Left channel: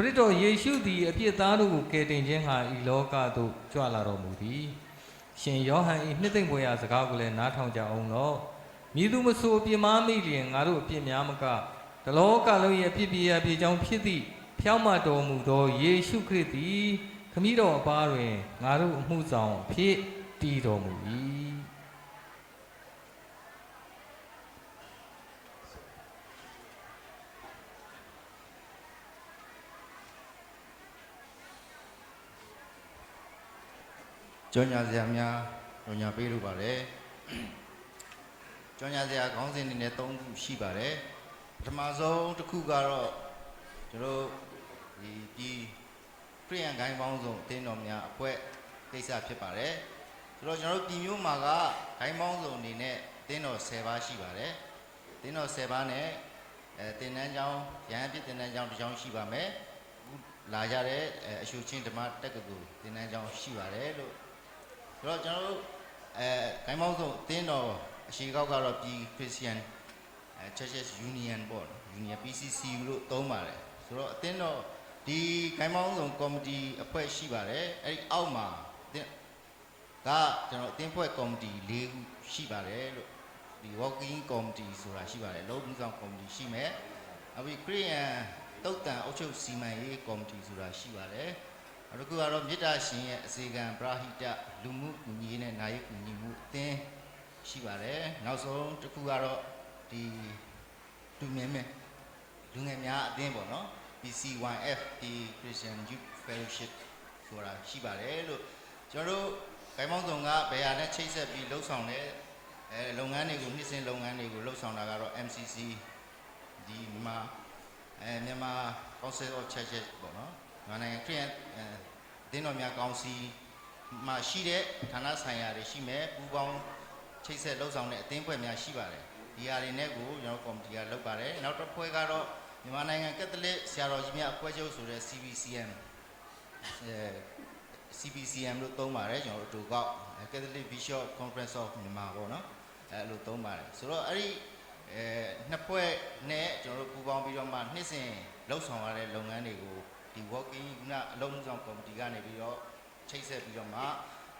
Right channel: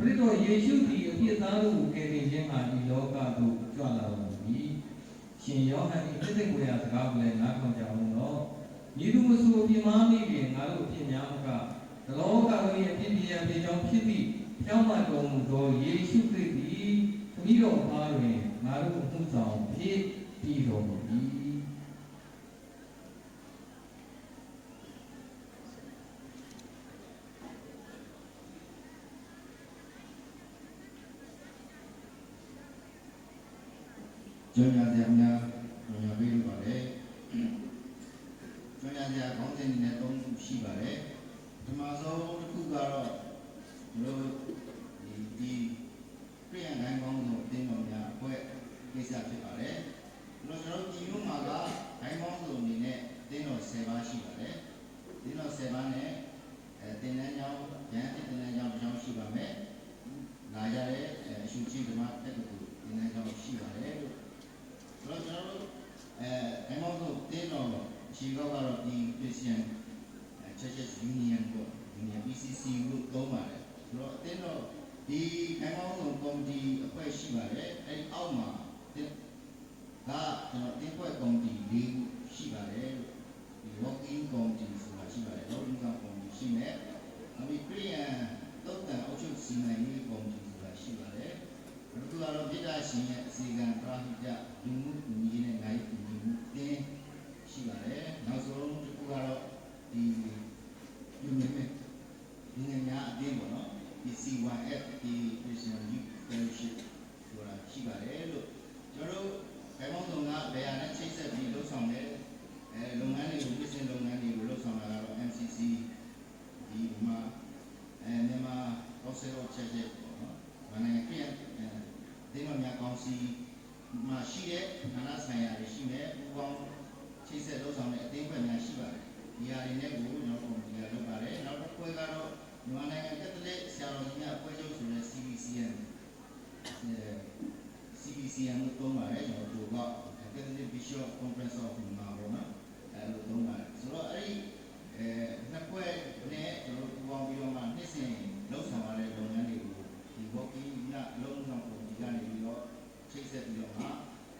ခရစ်တော်ယေရှုသည်အပြစ်သားတို့ကိုကယ်တင်ခြင်းဟာဤလောကသို့ကြွလာတော်မူသည်ရှင်ယောဟန်၏နှစ်သိမ့်မွေရာစကားကိုလည်းနားထောင်ကြအောင်တော့မည်သူမဆိုပြင်းမမိလျင်ငါတို့အပြစ်များမကတလောကလုံးရဲ့အပြစ်ပြရာပြေကြောင်းဖြစ်သည့်ဖြောင့်မတ်တော်မူသောယေရှုခရစ်သည်ခမည်းတော်အပါတွင်ငါတို့အမှုဆောင်ဖြစ်တည်တော်မူ၏ကြောညာစရာများကြောညာပေးလို့ပါတယ်ကြောညာစရာခေါင်းစဉ်တွေနဲ့၃ခုရှိပါတယ်ပထမဆုံးတစ်ခုကတော့ကျွန်တော်ဒီခရိယန်ဂိုင်းပေါင်းစုံအသင်းတော်များအဖွဲ့ကိစ္စဖြစ်ပါတယ်ဆိုတော့ကျွန်တော်ပြည်မျိုးမှာကဂိုင်းပေါင်းစုံအနေနဲ့အသင်းတော်10ပါးရှိပါတယ်အသင်းတော်10ပါးနဲ့သင်တန်းကျောင်းရဟန်းဖြစ်သင်တန်းကျောင်းတစ်ကျောင်းရှိပါမယ်လာကြတဲ့အရှုချင်းဓမ္မတက္ကသိုလ်သင်တန်းကျောင်းရှိပါတယ်လို့ဆိုတော့ကျွန်တော်ဂိုင်းပေါင်းစုံအသင်းတော်အရှိကောက်ကတော့ပြည် Christian Churches Union ပေါ့ Union PCC လို့သုံးပါတယ်ဆိုတော့အသင်းတော်ဒီဂိုင်းပေါင်းစုံကော်မတီအဖွဲ့ရှိပါတယ်အဲ့ဒီအောက်မှာကျွန်တော်အသင်းဖွဲ့ကော်မတီ၄ခုရှိပါတယ်လို့ဒီ working committee ဆိုတာရှိပါတယ်လုံးဝဆောင်ကော်မတီရှိမယ်နောက်ပြီး Korean တုတ်တန်အုပ်ချုပ်စီမံရေးကော်မတီဆိုတာရှိပါတယ်အခုကတော့မြစ်တာရှင်ရဲ့အစီကံပရာဟိတလူမှုကူညီရေးနဲ့နာယီကူညီမှုအသင်းရှိပါတယ်နောက်ဆုံးတစ်ခုကတော့ဒီလူငယ်များအသင်းပေါ့နော် BC1F ဒီ Christian Youth Fellowship ဆိုတာရှိပါတယ်လို့ကျွန်တော်တို့ဂိုင်းပေါင်းစုံကဘယ်ဟာနဲ့ချိတ်ဆက်ပြီးလှုပ်ဆောင်တဲ့လုပ်ငန်းတွေကိုနှစ်စဉ်လုပ်ငန်းတွေကိုလှုပ်ဆောင်တာကတော့ MCC ဒီမြန်မာ Council of Churches ပေါ့နော်။နိုင်ငံခရစ်ယာန်သင်းတော်များကောင်စီမှာရှိတဲ့ဌာနဆိုင်ရာတွေရှိမယ်ပူးပေါင်းချိတ်ဆက်လှုပ်ဆောင်တဲ့အသင်းဖွဲ့များရှိပါတယ်။ဒီဟာတွေနဲ့ကိုကျွန်တော်ကော်မတီကလုပ်ပါတယ်။နောက်တစ်ဖွဲ့ကတော့မြန်မာနိုင်ငံကက်သလစ်ဆရာတော်ကြီးများအဖွဲ့ချုပ်ဆိုတဲ့ CBCM လို့သုံးပါတယ်ကျွန်တော်တို့က Catholic Bishop Conference of မြန်မာပေါ့နော်အဲ့လိုသုံးပါတယ်ဆိုတော့အဲ့ဒီနှစ်ဖွဲ့နဲ့ကျွန်တော်တို့ပူးပေါင်းပြီးတော့မှနှစ်စဉ်လှုပ်ဆောင်ရတဲ့လုပ်ငန်းတွေကိုဒီ working ကအလုံးစုံကော်မတီကနေပြီးတော့ချိတ်ဆက်ပြီးတော့မှ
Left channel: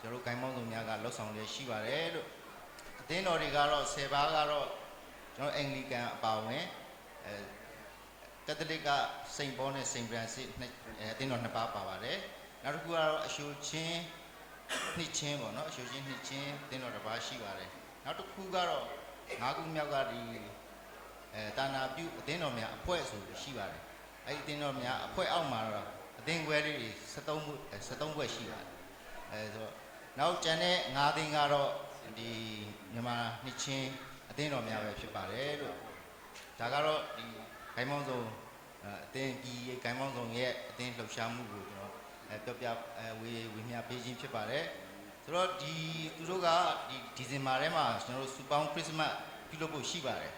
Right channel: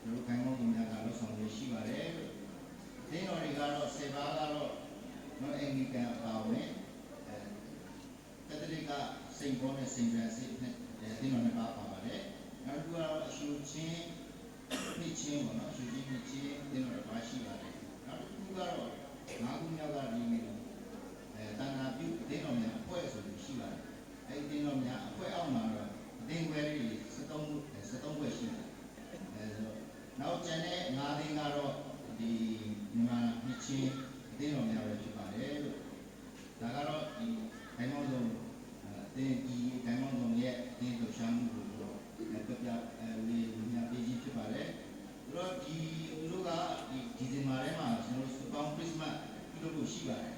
ကျွန်တော်တို့ဂိုင်းပေါင်းစုံများကလှုပ်ဆောင်ရရှိပါတယ်လို့အသင်းတော်တွေကတော့10ပါးကတော့ကျွန်တော်အင်္ဂလိကန်အပါအဝင်ကက်သလစ်ကစိန့်ဘောနဲ့စိန့်ဖရန်စစ်အသင်းတော်2ပါးပါပါတယ်နောက်တစ်ခုကတော့အရှုချင်းနှစ်ချင်းပေါ့နော်အရှုချင်းနှစ်ချင်းအသင်းတော်တစ်ပါးရှိပါတယ်နောက်တစ်ခုကတော့၅ခုမြောက်ကဒီတာနာပြုအသင်းတော်များအဖွဲ့ဆိုပြီးရှိပါတယ်အဲ့ဒီအသင်းတော်များအဖွဲ့အောက်မှာတော့အသင်းခွဲလေးတွေ73ဖွဲ့ရှိပါတယ်ဆိုတော့နောက်ကျန်တဲ့၅သင်းကတော့ဒီမြန်မာနှစ်ချင်းအသင်းတော်များပဲဖြစ်ပါတယ်လို့ဒါကတော့ဒီဂိုင်းပေါင်းစုံအသင်းကြီးဂိုင်းပေါင်းစုံရဲ့အသင်းလှုပ်ရှားမှုကိုတော့ပြဝေမျှပေးခြင်းဖြစ်ပါတယ်ဆိုတော့သူတို့ကဒီဒီဇင်ဘာထဲမှာကျွန်တော်တို့စူပေါင်းခရစ်စမတ်ပြုလုပ်ဖို့ရှိပါတယ်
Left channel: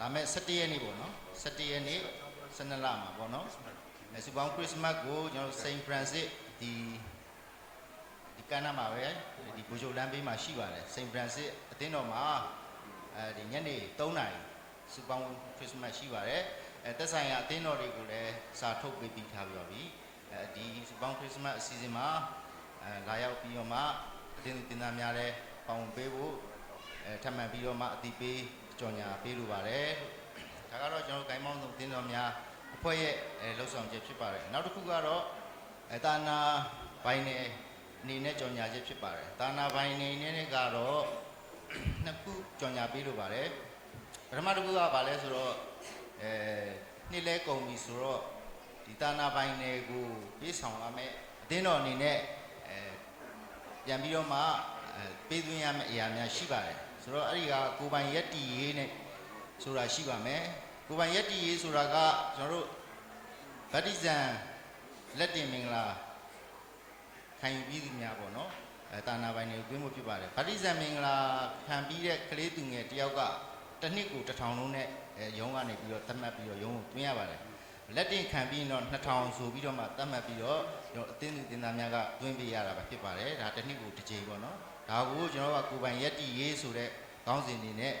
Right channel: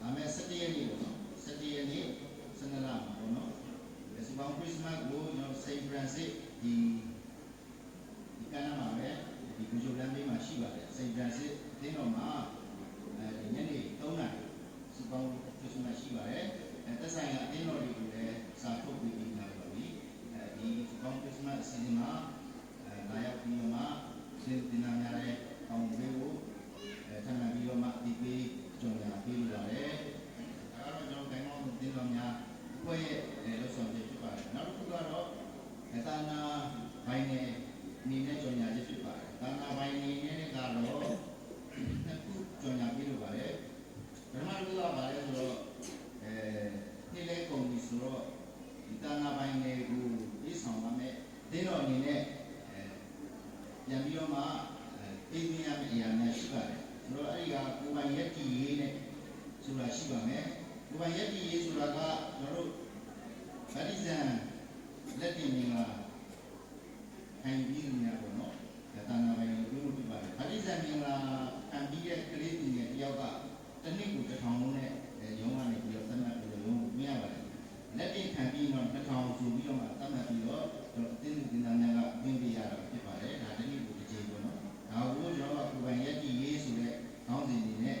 ဒါမဲ့17ရက်နေ့ပေါ့နော်17ရက်နေ့12လမှာပေါ့နော်စူပေါင်းခရစ်စမတ်ကိုကျွန်တော်စိန့်ဖရန်စစ်ဒီကမ်းနားမှာပဲဒီဘူဂျိုလမ်းဘေးမှာရှိပါတယ်စိန့်ဖရန်စစ်အသင်းတော်မှာဒီညနေ3နာရီစူပေါင်းခရစ်စမတ်ရှိပါတယ်သက်ဆိုင်ရာအသင်းတော်တွေကိုလည်းစာထုတ်ပေးပြီးထားပြီးပြီဒီစူပေါင်းခရစ်စမတ်အစီအစဉ်မှာလာရောက်ပြီးတော့မှတင်သားများလည်းပေါင်းပေးဖို့ထပ်မံပြီးတော့မှအသိပေးကြော်ညာပေးလိုပါတယ်ဒါကတော့ကျွန်တော်ဂိုင်းမောင်းဆုံးတင်တော်များအဖွဲ့ရဲ့လှုပ်ဆောင်ချက်ဖြစ်ပါတယ်နောက်တစ်ခုကတော့တာနာဘိုင်းနယ်အနေနဲ့ကြော်ညာချက်ဖြစ်ပါတယ်တာနာဘိုင်းနယ်နဲ့ကတော့နှစ်ခုကြော်ညာပေးလိုပါတယ်ပထမတစ်ခုကဘာလဲဆိုတော့နှစ်လဲကုန်ပြီဆိုတော့ဒီတာနာပိုင်းတွေကိုပြေးဆောင်ရမယ်အသင်းတော်အနေနဲ့ပြန်ပြီးတော့မှပေးသွင်းရမယ့်အရာများရှိပါတယ်ဆိုတော့အဲ့ဒီကကိုပိုင်ရက်တီရေးနဲ့ဆိုတာရှိပါမယ်ကိုပိုင်ရက်တီရေးဆိုတာကကျွန်တော်တို့ဗတ္တိဇံလက်တင်မင်္ဂလာခံယူပြီးသူများပေါ့နော်တာနာပိုင်းတွေကိုပြင်ဖို့ဖြစ်ပါတယ်ဗတ္တိဇံမင်္ဂလာခံပြီးတဲ့ကလေးသူငယ်တယောက်ကတစ်နှစ်ကို1000လုံးနဲ့ရုံးကနေပြီးတော့သတ်မှတ်ပြီးတော့ရုံးကိုတွင်းရပါတယ်လက်တင်ခံပြီးတော့2000ဆိုပြီးတော့မှသတ်မှတ်ပြီးတော့ကျွန်တော်အသင်းသူတင်သားများကတွင်းပေးရတာပဲဖြစ်ပါတယ်ဒါတစ်နှစ်ကိုတစ်ကြိမ်ပေါ့နော်ဒါကိုကျွန်တော်ကကိုပိုင်ရက်တီရေးဆိုတဲ့ခေါင်းစဉ်တွေနဲ့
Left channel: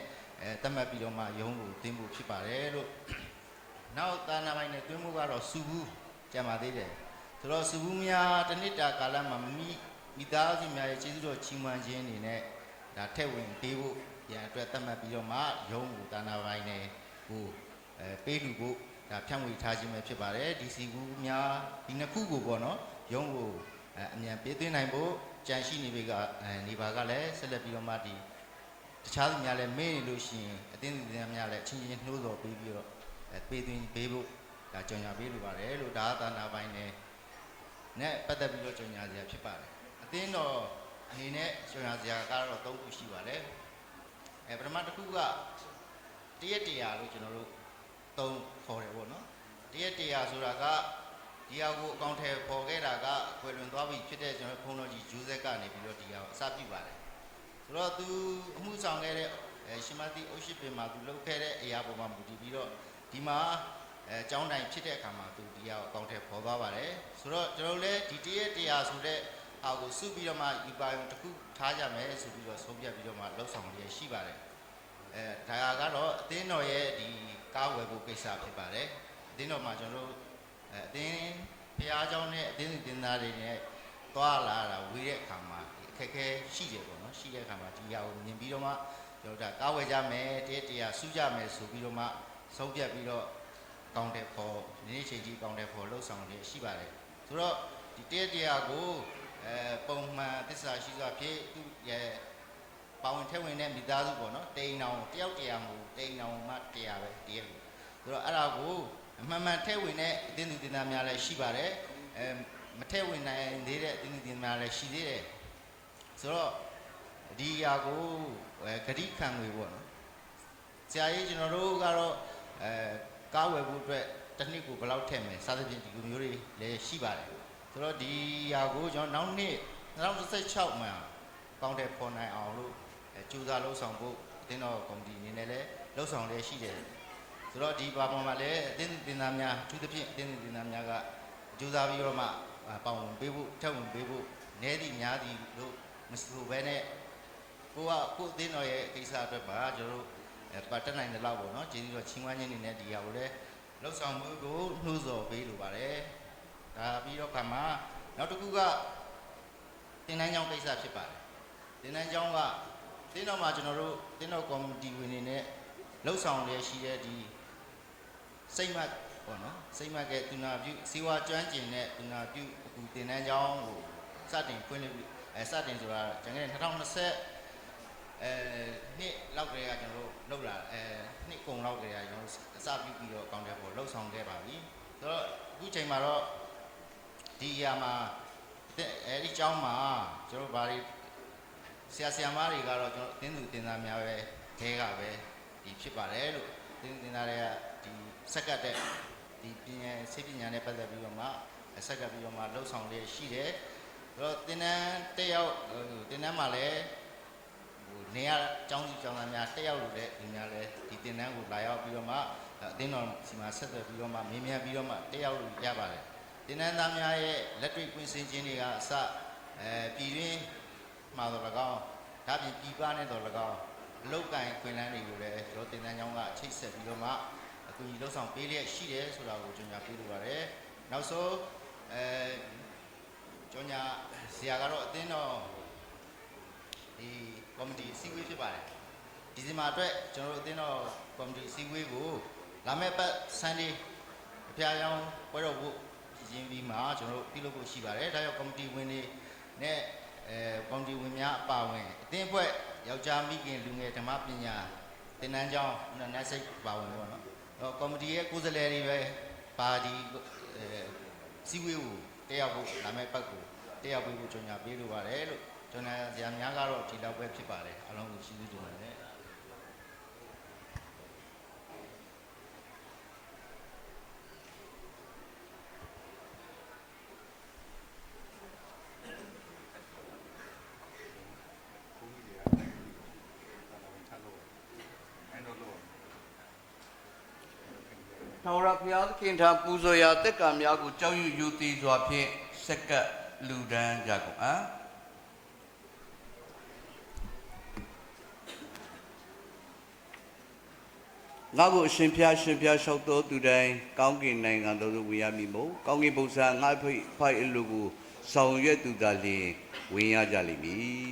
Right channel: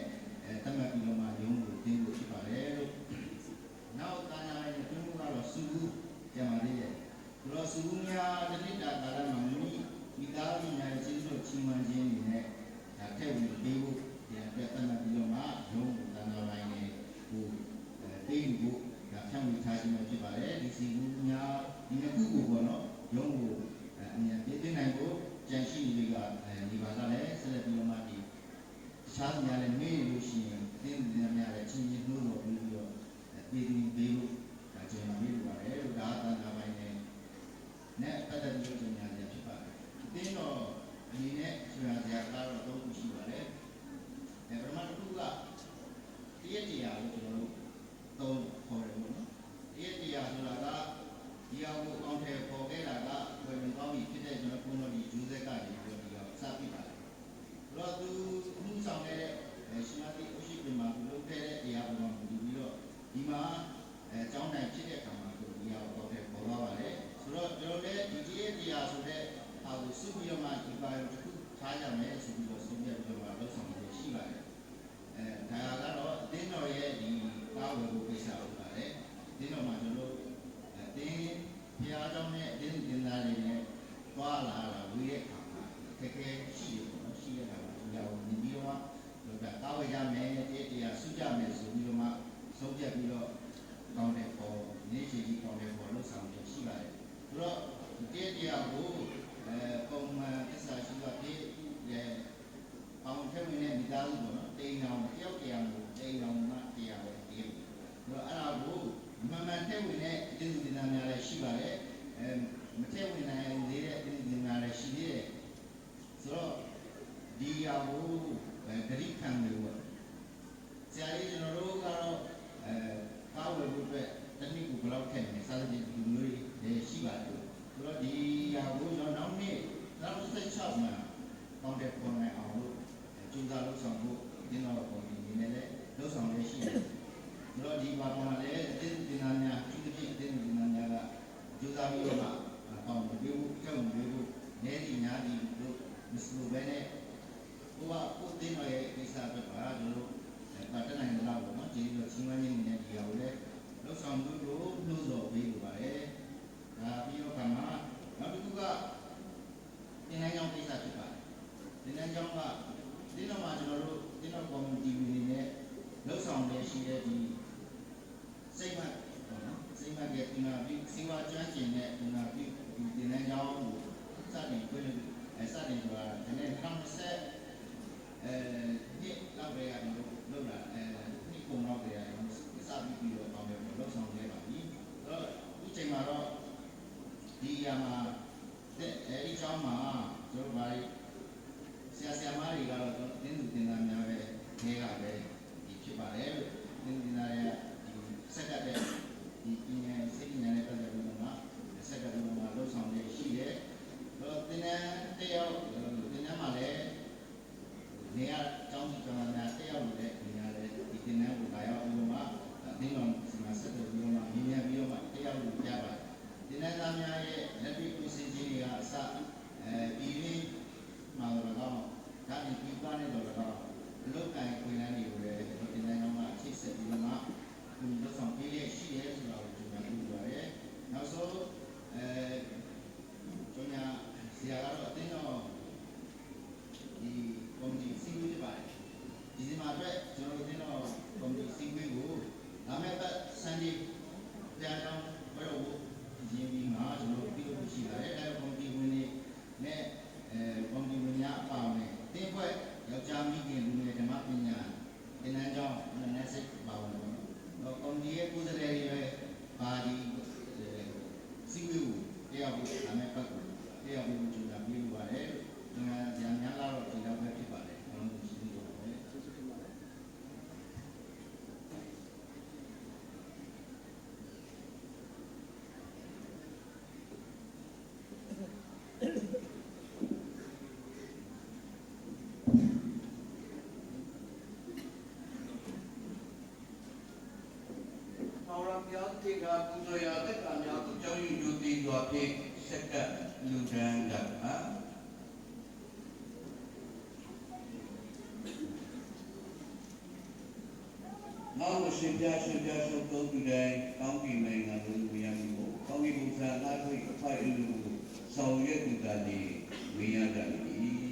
သတ်မှတ်ပြီးတော့မှရုံးကိုတင်ဖို့ဖြစ်ပါတယ်လို့ နောက်သာနာပိုင်းနဲ့တွင်းမှုကတော့စုဘူးကြံပါသေးတယ်ဆိုတော့စုဘူးများတစ်နှစ်တာကာလမှာမိသားစုများရဲ့ကျေးဇူးတော်ချီးမွမ်းခြင်းအနေနဲ့ဒါထည့်ဝင်ပေးဖို့ပြန်အတွက်သတ်မှတ်ပြီးတော့မှရုံးသာနာပိုင်းနဲ့ဟိုပေးလူဖို့ဒါဖြန့်ဝေထားခြင်းပဲဖြစ်ပါတယ်ဒီစီဘူးများဒီနှစ်ခုကိုပေါ့နော်ရုံးကိုအမြန်ပေးသွင်းနိုင်ဖို့ကြံရှိနေပြီကနေပါကလည်းဆက်လက်ပြီးတော့မှဒီတခြားသူများလည်းမေးနေလို့ရှိရင်အတင်းသူတွေများလည်းချင်းချင်းနှိုးတော်ပြီးတော့ပေးသွင်းပေးဖို့ဒါကြော်ညာပေးလိုပါတယ်လို့ဒါသာနာပိုင်းနဲ့ပတ်သက်ပြီးတော့ကြော်ညာစရာဖြစ်ပါတယ်အတင်းတော်အနေနဲ့ကြော်ညာစရာကတော့၃ခုရှိပါတယ်ပထမတစ်ခုကတရက်တရာလို့ကျွန်တော်တို့သုံးခေါ်တယ်ပေါ့နော်တရက်တရာဆိုတာကဒီဟာကိုအကောင့်ထဲပေါ်ခဲ့တာကကွယ်လွန်သွားပြီဖြစ်တဲ့ကျွန်တော်ဘုန်းတော်ကြီးဂျိုးဆက်ကနေပြီးတော့ဒီဟာကိုအစပြုပါတယ်ဆိုတော့သူအမှုဆောင်ခဲ့တဲ့ရှင်မတိအိုရှိပင်မှာသူလုပ်ခဲ့တဲ့အရာပေါ်မှာမူတည်ပြီးတော့ဒီမှာကျောင်းတိုင်ဖြစ်တဲ့အခါမှာသူဒီဟာကိုအကောင့်ထဲပေါ်သွားပါတယ်ဆိုတော့ကျွန်တော်လည်းဒီတရက်တရာဆိုတဲ့ဟာကိုစုပြီးတော့မှဒီပါရုံတစ်ခုထားကြမယ်ဆိုပြီးတော့ဆုံးဖြတ်ပြီးတော့မှလှုပ်ဆောင်ရရှိပါတယ်ဒါကတော့အသင်းတော်ရဲ့ဒီကားဝယ်ဖို့ကိစ္စဖြစ်ပါတယ်အသင်းတော်မှာကျွန်တော်တို့အသင်းဘုရားကျောင်းနဲ့အသင်းသင်သားတွေနဲ့သွားလာတာဝေးတဲ့အခါမှာခက်ခဲရှိတယ်ပေါ့နော်ရှိတဲ့အခါမှာဒီဟာကိုမြင်ပြီးတော့မှကျွန်တော်ကားဝယ်ကြမယ်တရားစုကြမယ်ဆိုပြီးတော့မှဆုံးဖြတ်ပြီးတော့ကောင်းတဲ့ပေါ်ဒီနေ့ချိန်ကြီးကောင်းတဲ့ပေါ်လှုပ်ဆောင်နေရှိပါတယ်ဆိုတော့ဒီတရားကိုပုံမှန်သစ္စာရှိစွာဖြင့်ရဲ့ပေါဝင်ထည့်ဝင်တဲ့မိသားစုပေါ့နော်တိန်အောင်တယောက်တရားမဟုတ်တိန်အောင်မှတရားပဲတည်းဆိုတော့အဲ့ဒါကိုအမှန်မှန်ထည့်ဝင်တဲ့သင်သူသင်သားများလည်းရှိပါတယ်မထည့်ဝင်နိုင်သေးတဲ့သင်သူသင်သားများလည်းရှိသေးတယ်ဆိုတော့ဒီຢာကိုဂရိခံငွေပေါ့ဆရာကြီးကျွန်တော်တို့ကတော့ကားဝယ်ဖို့အတွက်တစ်နှစ်ကိုဘယ်လောက်ထည့်မယ်စသဖြင့်ဒီလိုမျိုးတွေလည်းရှိပါတယ်ဆိုတော့ဒီຢာကိုကျွန်တော်နောက်နှစ်2016မှာကောင်းတဲ့ပေါ်နိုင်အောင်လို့ကြိုးစားလှုပ်ဆောင်ဖို့အသင်းတော်ကော်မတီအနေနဲ့လည်းလှုပ်ဆောင်ရရှိတယ်ဆိုတော့ဒီဘာပေါ်မှာလည်းအသင်းသင်သားများသူတစ်ဖြင့်အသင်းသင်သားများကကြိုးစားပြီးတော့မှပေါင်းပေးဖို့ထပ်ဝင်ပေးဖို့နည်းသည့်များသည့်လို့မဆိုဘဲနဲ့ကိုအသင်းတော်ရဲ့ကိစ္စအတွက်ပါကျွန်တော်တို့ပတ်တက်နိုင်တဲ့လောက်ပေါ့နော်ကျေးဇူးတော်ချီးမွမ်းခြင်းနေနဲ့ဒီဟာကိုလည်းလှုပ်ဆောင်မှုကိုနှိုးဆော်ပေးလိုပါတယ်ဒါပြီးတော့ခါမှာနောက်တစ်ခုကသင်တန်းကျောင်းကိစ္စဖြစ်ပါတယ်သင်တန်းကျောင်းကသင်တော်မှာကျွန်တော်တို့သင်တော်ကော်မတီဝင်တွေနဲ့လှုပ်ဆောင်ရရှိတဲ့ဒီစိတ်မှတ်ပေါ့နော်စိတ်မှတ်ကတူနာပြုစေဝါကျွမ်းကျင်တဲ့တူနာပြုဒီသင်တန်းကျောင်းကိုစတင်ဖွင့်လှစ်စတင်ဆိုတာကျွန်တော်2020နှစ်လောက်တည်းကကျွန်တော်တို့လုပ်လာနှစ်ကုန်လောက်တည်းကကျွန်တော်စပြီးတော့ကောင်းတဲ့ပေါ်လှုပ်ဆောင်ခဲ့ပါပြီဆိုတော့အခုချိန်မှာတော့ဒီຢာမှာအဲဒီကျောင်းမှာကျွန်တော်ဗားဆရာမတွေကတော့ကျွန်တော်အသင်းသူတင်သားများပဲခဲကပဲဒီဖြစ်ပါတယ်လို့အသင်းတင်သားတွေကဒီစက်ကတ်တဲ့ဒီပညာစိတ်ပညာနဲ့ပတ်သက်ပြီးတော့မှစက်ကတ်ပြီးတော့မှလှုပ်ဆောင်နေရှိတယ်အဲ့တော့တင်တန်းတက်ရောက်တင်တန်းမှာလည်းနေရကျောင်းစီကျောင်းသားများတက်ရောက်လို့လည်းဒီများလည်းဒီတင်တန်းကိုလာရောက်ပြီးတော့မှအသင်းတော်စီမှာဆက်သွယ်ပြီးတော့မှမြင်မြန်ပြီးတော့မှတက်ရောက်လို့ရပါတယ်တင်တန်းသားများရဲ့လက်တွေ့ကွင်းစင်ခြင်းတွေကအစပြည်ရင်းမှာတော့၎င်းဒါပြင်ပြည်ပနဲ့တော့၎င်းအလုပ်ကိုင်ခွင့်လန်းတွေကိုလည်းကျွန်တော်တင်တန်းကျောင်းကချိတ်ဆက်ပြီးတော့မှအခုဒီလှုပ်ဆောင်ပေးလျက်ရှိတယ်ဆိုတာကိုကျွန်တော်ပြောလိုပါတယ်နောက်ဆုံးကျွန်ညာဆရာကတော့အသင်းတော်ဒီကော်မတီစီဝေးဖြစ်ပါတယ်ဒီဇင်ဘာအတွက်ကျွန်တော်တို့အသင်းတော်ကော်မတီစီဝေးကိုလာမယ့်ပတ်ဆန်ဒေးဖျားယောင်းပွဲတော်ဖို့ရင်းပြီးမှကျွန်တော်တို့ပြုလုပ်ဖို့ရှိပါတယ်ဒါကြောင့်ကော်မတီဝင်တွေနဲ့ကော်မတီဝင်များအပါအဝင်အသင်းအဖွဲ့ယောက်ျားမိခင်လူငယ်ဓမ္မပညာသင်တန်းကျောင်းနတ်စိတ်ပါဝင်တော့နော်ကော်မတီရဲ့ကိုယ်စားလှယ်တွေပဲပါဒီစီဝေးကိုတက်ရောက်ဖို့လာမယ့်ပတ်ကိုတက်ရောက်ဖို့ကြုံညာပေးလိုပါတယ်လို့ကျွန်တော်ဇာများကတော့ဒီလောက်ပဲဖြစ်ပါတယ်အားလုံးကိုရှိသေးတယ်နောက်ရဘုရားသခင်ထားပူဇော်ရာတက္ကံများကိုကြောက်ရွံ့ယူသည်စွာဖြင့်စက္ကပ်လူဒန်းကြကုန်အား ငါကိုအရှင်ဖျားရှင်ဖျားလျှောက်တော်သူတိုင်းကောင်းကင်နိုင်ငံတော်သို့ဝင်ရမည်မို့ကောင်းကင်ဘုရားငါဖိုက်အလိုကိုဆောင်ရွက်သူသာလျှင်ဝင်ရကြလိမ့်မည်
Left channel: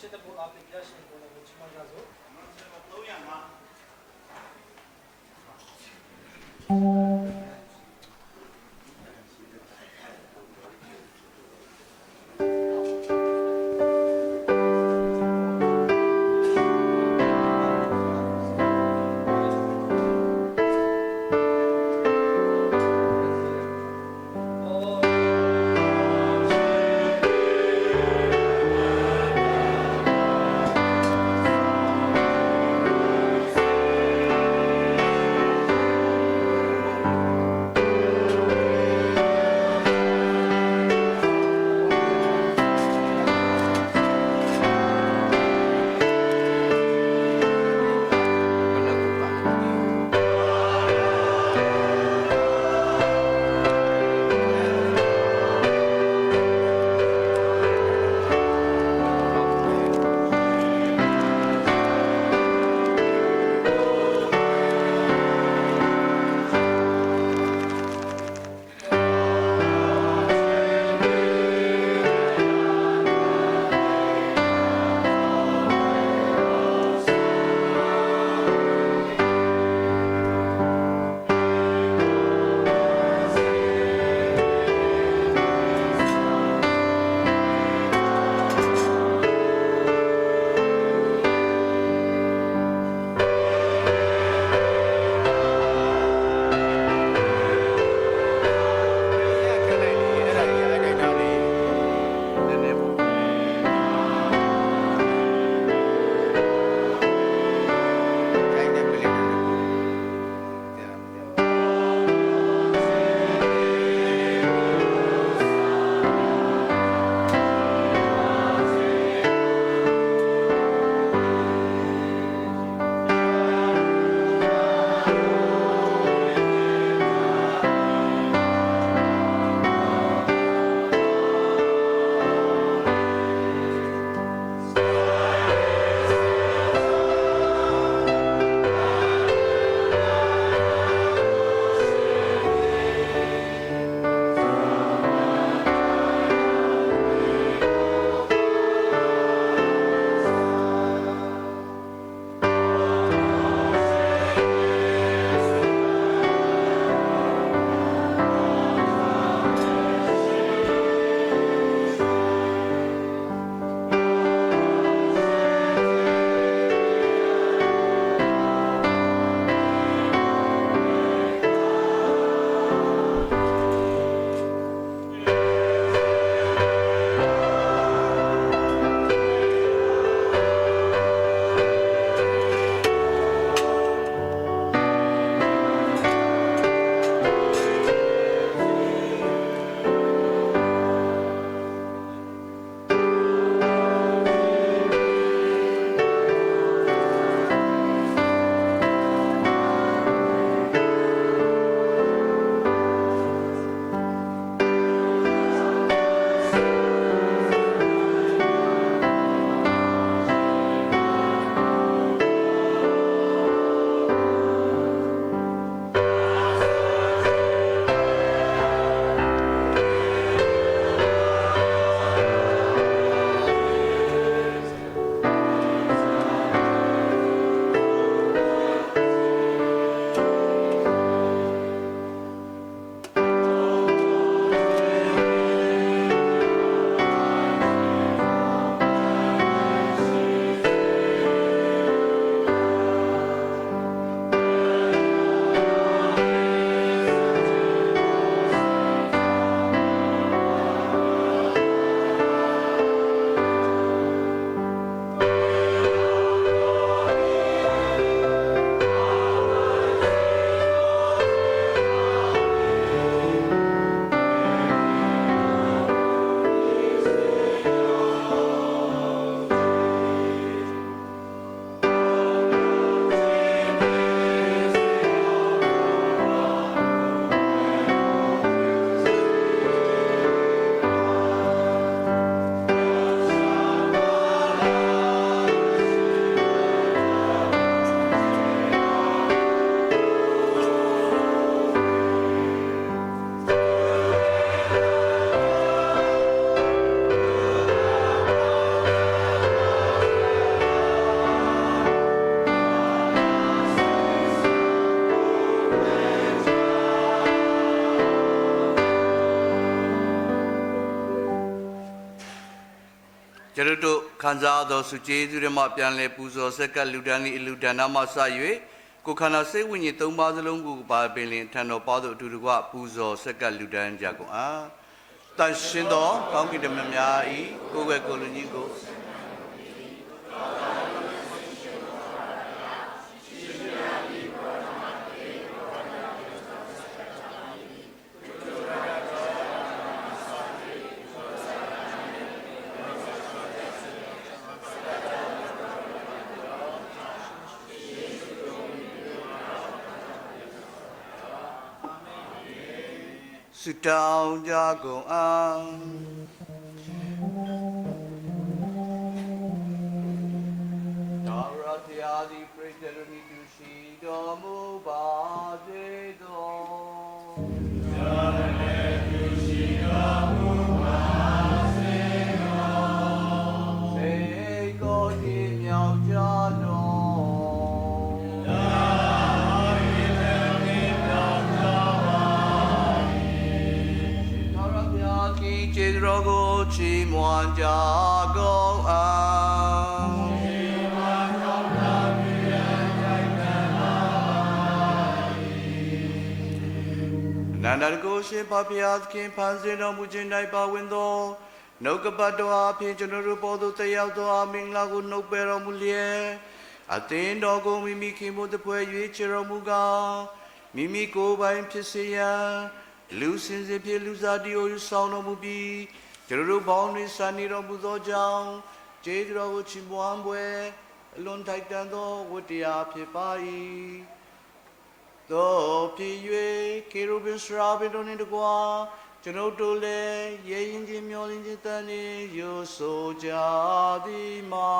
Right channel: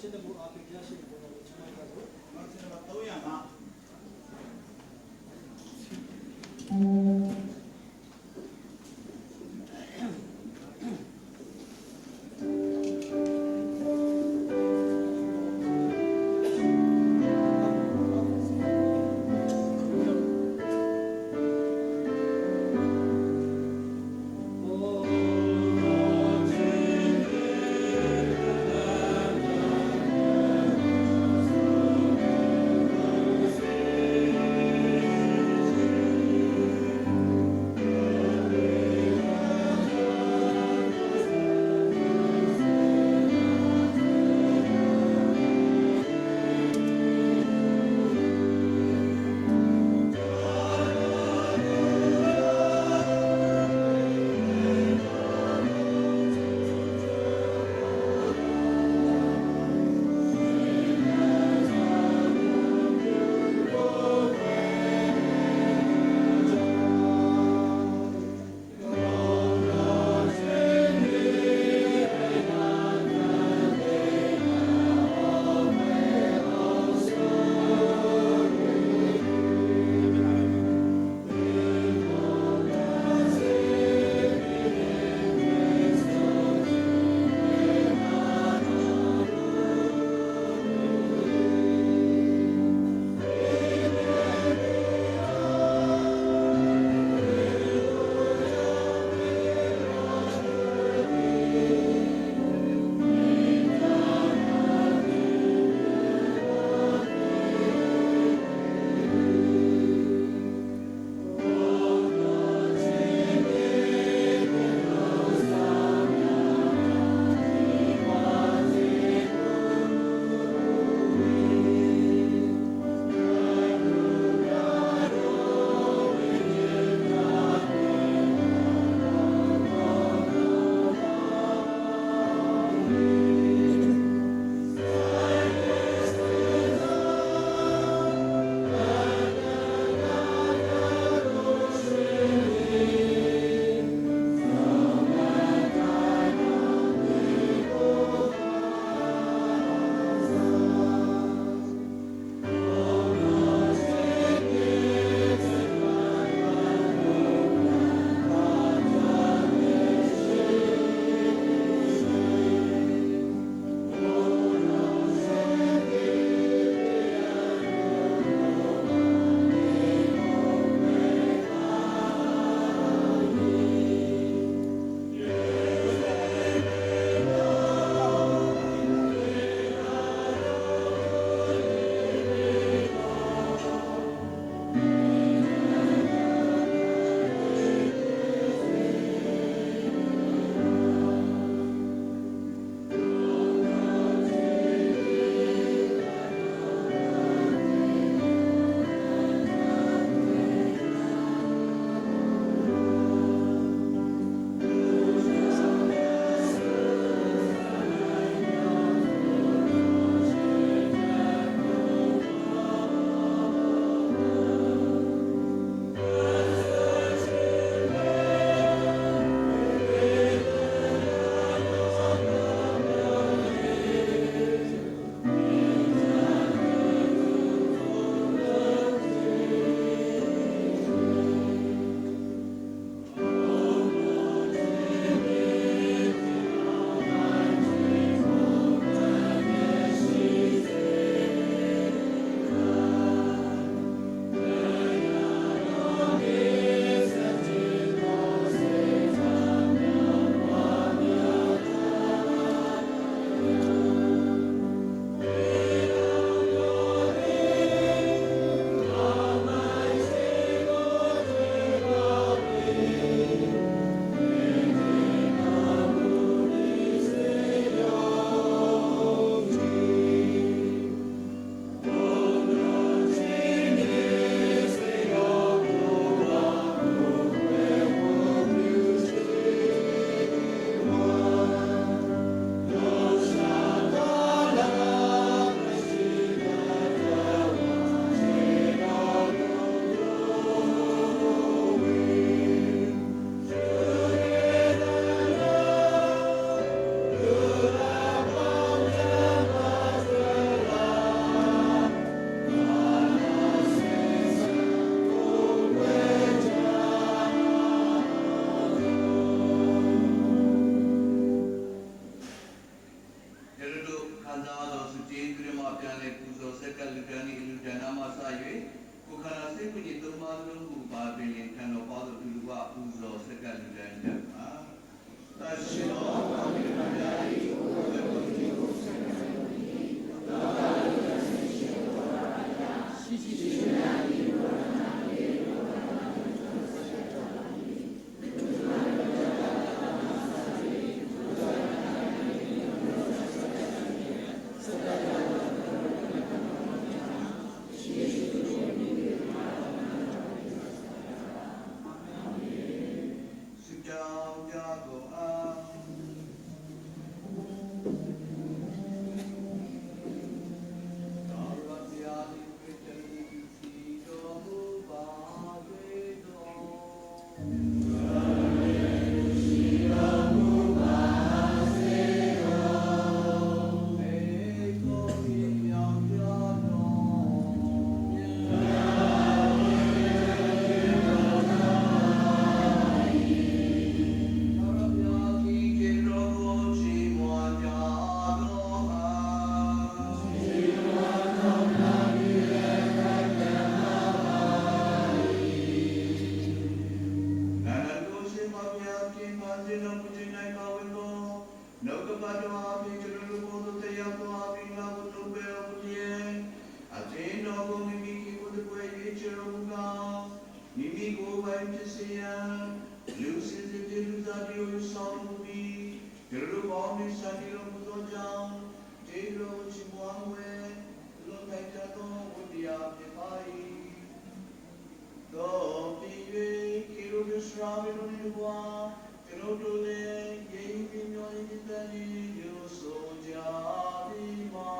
Çete bu aplikasyon konuları çıkmak lazım. ကျွန်တော်တို့ခံစားသောစုကျေးဇူးရမပြန်လဲပူဇော်ဆက်ကလူတန်းလေးအလူတန်းနာမှစ၍ကိုခန္ဓာစိတ်ဝိညာဉ်၃ပါးစလုံးကိုပါပင်လင်ထံတော်ပေါသောအတူတကွပူဇော်ဆက်ကလူတန်းကြကုန်အားတန်ရှင်းသောကောင်းကင်တမန်များ၏ကိုယ်ွယ်ကိုယ်လူကြီးကိုဆုတောင်းကြကုန်အားသာရတရားဒီပရိသေတိသူရှိတော်မူပါစေသောသာရတေသူရှိတော်မူပါစေသောဘေကိုတိမြောက်ကြတော်ကျေးဇူးတော်ကိုချီးမွမ်းကြကုန်အောင်ချီးမွမ်းတော်မူပြီးတဲ့ခိုင်ခံပါ၏နန္ဒကိုရှိပါဘုရားသခင်ဖန်ဆင်းတော်မူခြင်း၌ပါဝင်သောနှုတ်ကပတ်တော်အဖြစ်ကျွန်တော်တို့ပေါ်သို့တက်ရောက်သောအမင်္ဂလာကိုနှုတ်ပယ်တော်မူလျက်အသင်းတော်ကိုမိမိခင်ဖို့တပွဲရွေးချယ်တော်မူကားမိမိကိုယ်ပိုင်ဖြစ်စေရန်လူစင်စစ်ပြေလူစားတီကိုဆောင်တော်မူပြီးကျွန်တော်တို့ပေါင်းတွင်စံနေတော်မူသောကြောင့်ကျေးဇူးတော်ကိုချီးမွမ်းပွဲအလွန်ထိုက်တန်သောဝတ္တရားဖြစ်ပါ၏သောဖြစ်၍ကေရုဘင်စရာဘီတို့နှင့်တကွာကျွန်ုပ်တို့လည်းရဲရင်ချင်းမျောလင်းခြင်းတန်နေရိုးဆိုကြသည်မှာ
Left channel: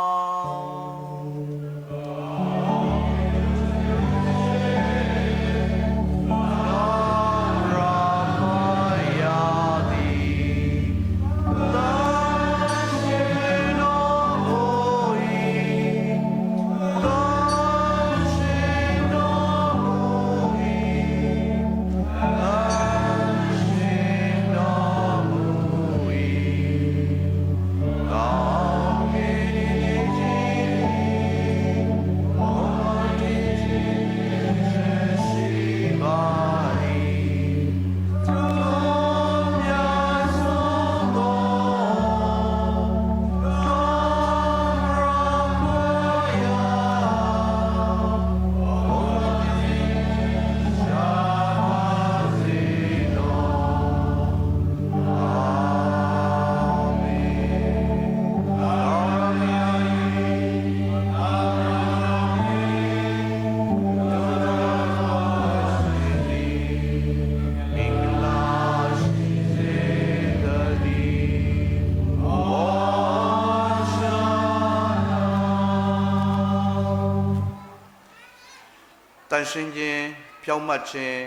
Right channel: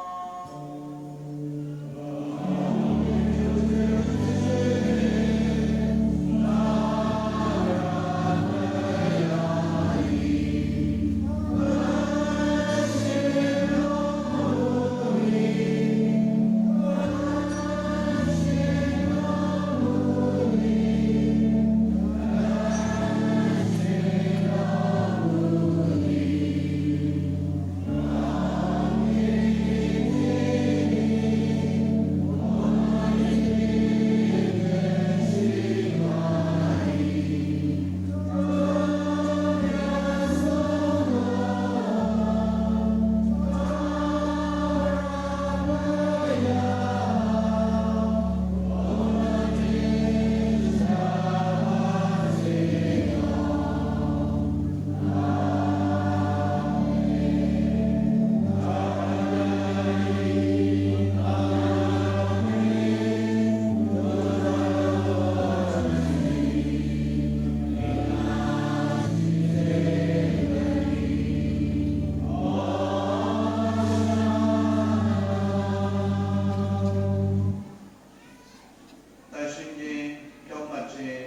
တန်ရှင်းခြင်းဖြောင့်မတ်ခြင်း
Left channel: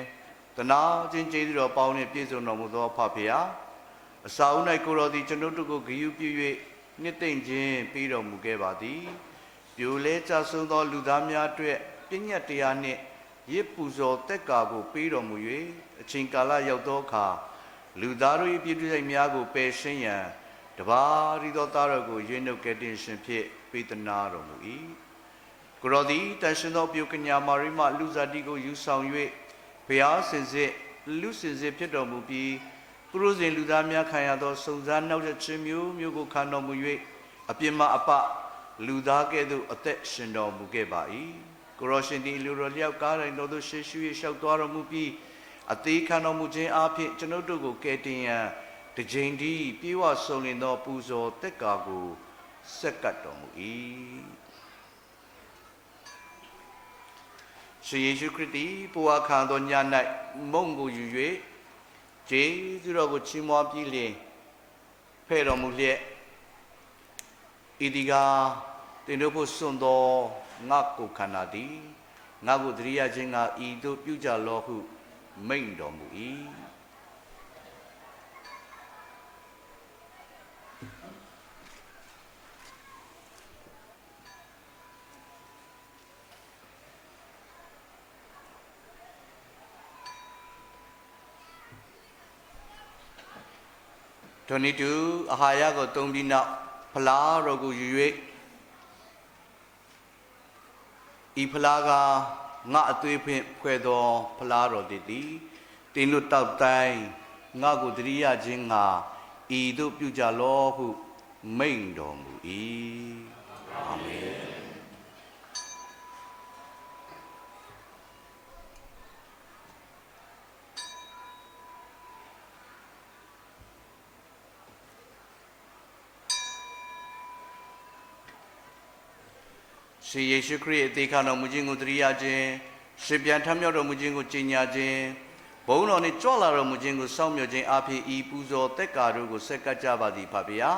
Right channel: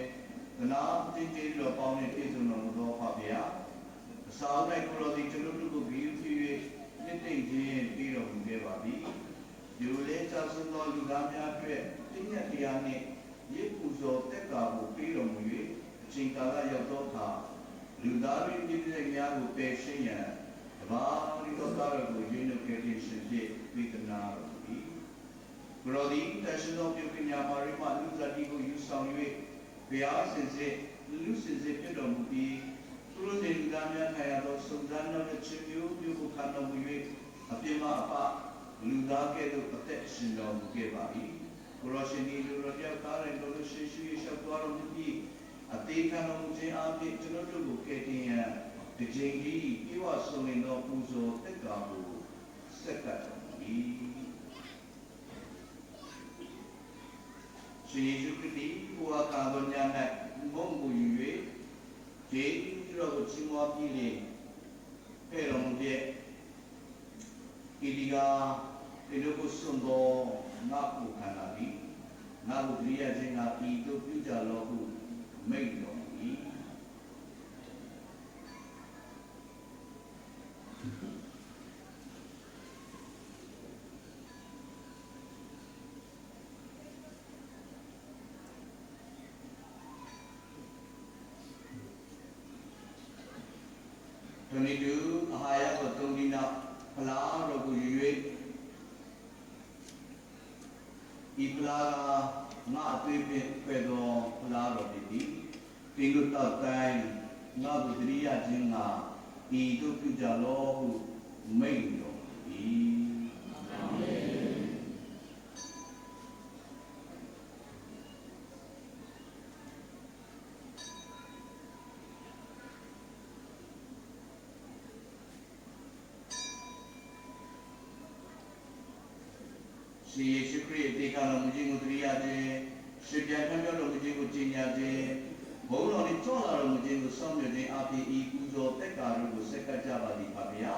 တနာခြင်းကျေးဇူးတော်ပေါင်းနှင့်ပြည့်စုံတော်မူသောဖဖေဟာအစာဦး၌ကိုတော်သည်ကျွန်ုပ်တို့ကိုဂရုပြု၍နှစ်သိမ့်ခြင်းပြီးတော်မူခဲ့ပါသည်ပြိုလဲကြဆုံးသောလူသားများအတွက်ပြည့်ညတ်တရားနှင့်ရစ်ပူဇော်တက်ကာကိုပြီးတော်မူ၍အချိန်ကာလရောက်သောအခါလူသားတို့၏ပြည့်စုံများကိုပယ်ရှင်းရန်တပါးရီသောသားတော်ကိုရွေးနှုတ်ကယ်တင်ရှင်ဖြင့်ပေးသနာတော်မူ၏ကိုရောသည်တန်ရှင်သောပြုကညာမာရိမလူစားတီကိုယူဆောင်၍ဘုရားစင်စစ်လူစင်စစ်ဖြစ်တော်မူပြီးပုရုဇဉ်လူသားများခံရသောစုံစမ်းနောက်ခြင်းမျိုးမျိုးကိုခံတော်မူ၍အပြစ်မအပလူသားကဲ့သို့အသက်ရှင်တော်မူခဲ့ပါ၏ကိုရောရှင်သည်လူတော်လျောက်ကားတိုင်းတော်သို့ရှေ့ရှု၍လျှောက်သွားတော်မူပြီးအသေးခံတော်မူခြင်းအပြင်ကျွန်ုပ်တို့ကိုကယ်တင်ရန်တကြိမ်ဒီပြေဝဆုံလင်သောပူဇော်တက်ကာကိုဆက်ကပ်တော်မူ၏ရှင်ယေရှုခရစ်သည်ဘုရားခါသောည၌မုံကိုယူ၍ကျေးဇူးတော်ကိုချီးမွမ်းပြီးလျှင်ဖဲ့တော်မူလျက်ဤဒီကတင်တို့ကိုစွန့်သောငါကိုခန္ဓာသည်ငါကိုတရိယာခြင်းကဤသို့ပြုကြလောဟုမိန့်တော်မူ၏ထိုနည်းတူအာဟာရကိုသုံးပြီးနောက် ဖလားတော်ကိုယူ၍ဤဖလားကငါအသွေးဖြင့်ဖွဲ့သောဖလားတော်သည်တင်းတို့တောက်တိုင်းငါကိုတရိယာခြင်းငါဤတို့ပြုကြလောဟုမိန့်တော်မူ၏အာမင်ရှင်ယေရှုခရစ်အသေးခံတော်မူခြင်းကိုတရိယာခြင်းရှင်ပြန်ထမြောက်တော်မူခြင်းကိုကြီးညာခြင်းဘုန်းတော်နှင့်ကြွလာတော်မူခြင်းကိုစောင့်မျှော်ခြင်းအဖြစ်ဤပူဇော်သက်ကာတို့ကိုဆက်ကပ်ကြပါသည်ဖပါဗျာ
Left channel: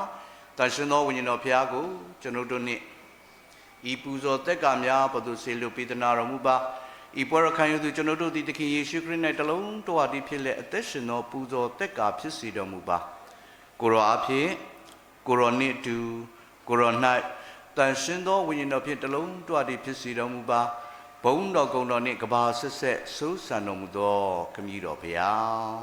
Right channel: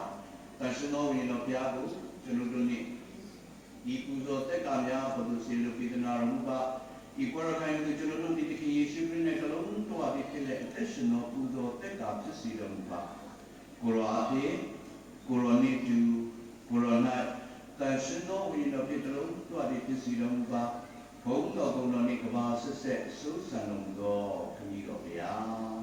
တန်ရှင်သောဝိညာဉ်တော်ဖျားကိုကျွန်ုပ်တို့နှင့်ဤပူဇော်သက်ကာများဘုသူဆေလိုပေးသနာတော်မူပါဤပွဲတော်ခံယူသူကျွန်ုပ်တို့သည်သခင်ယေရှုခရစ်၌တလုံးတော်အပ်ဖြစ်လက်အသက်ရှင်သောပူဇော်သက်ကာဖြစ်စေတော်မူပါကိုရောအဖြစ်ကိုရောနှင့်တူကိုရော၌တန်ရှင်သောဝိညာဉ်တော်ဖြင့်တလုံးတော်အပ်ဖြစ်စေတော်မူပါဘုန်းတော်ကုံတော်နှင့်ကဘာဆက်ဆက်ဆိုးဆန်တော်မူသောခမည်းတော်ဘုရား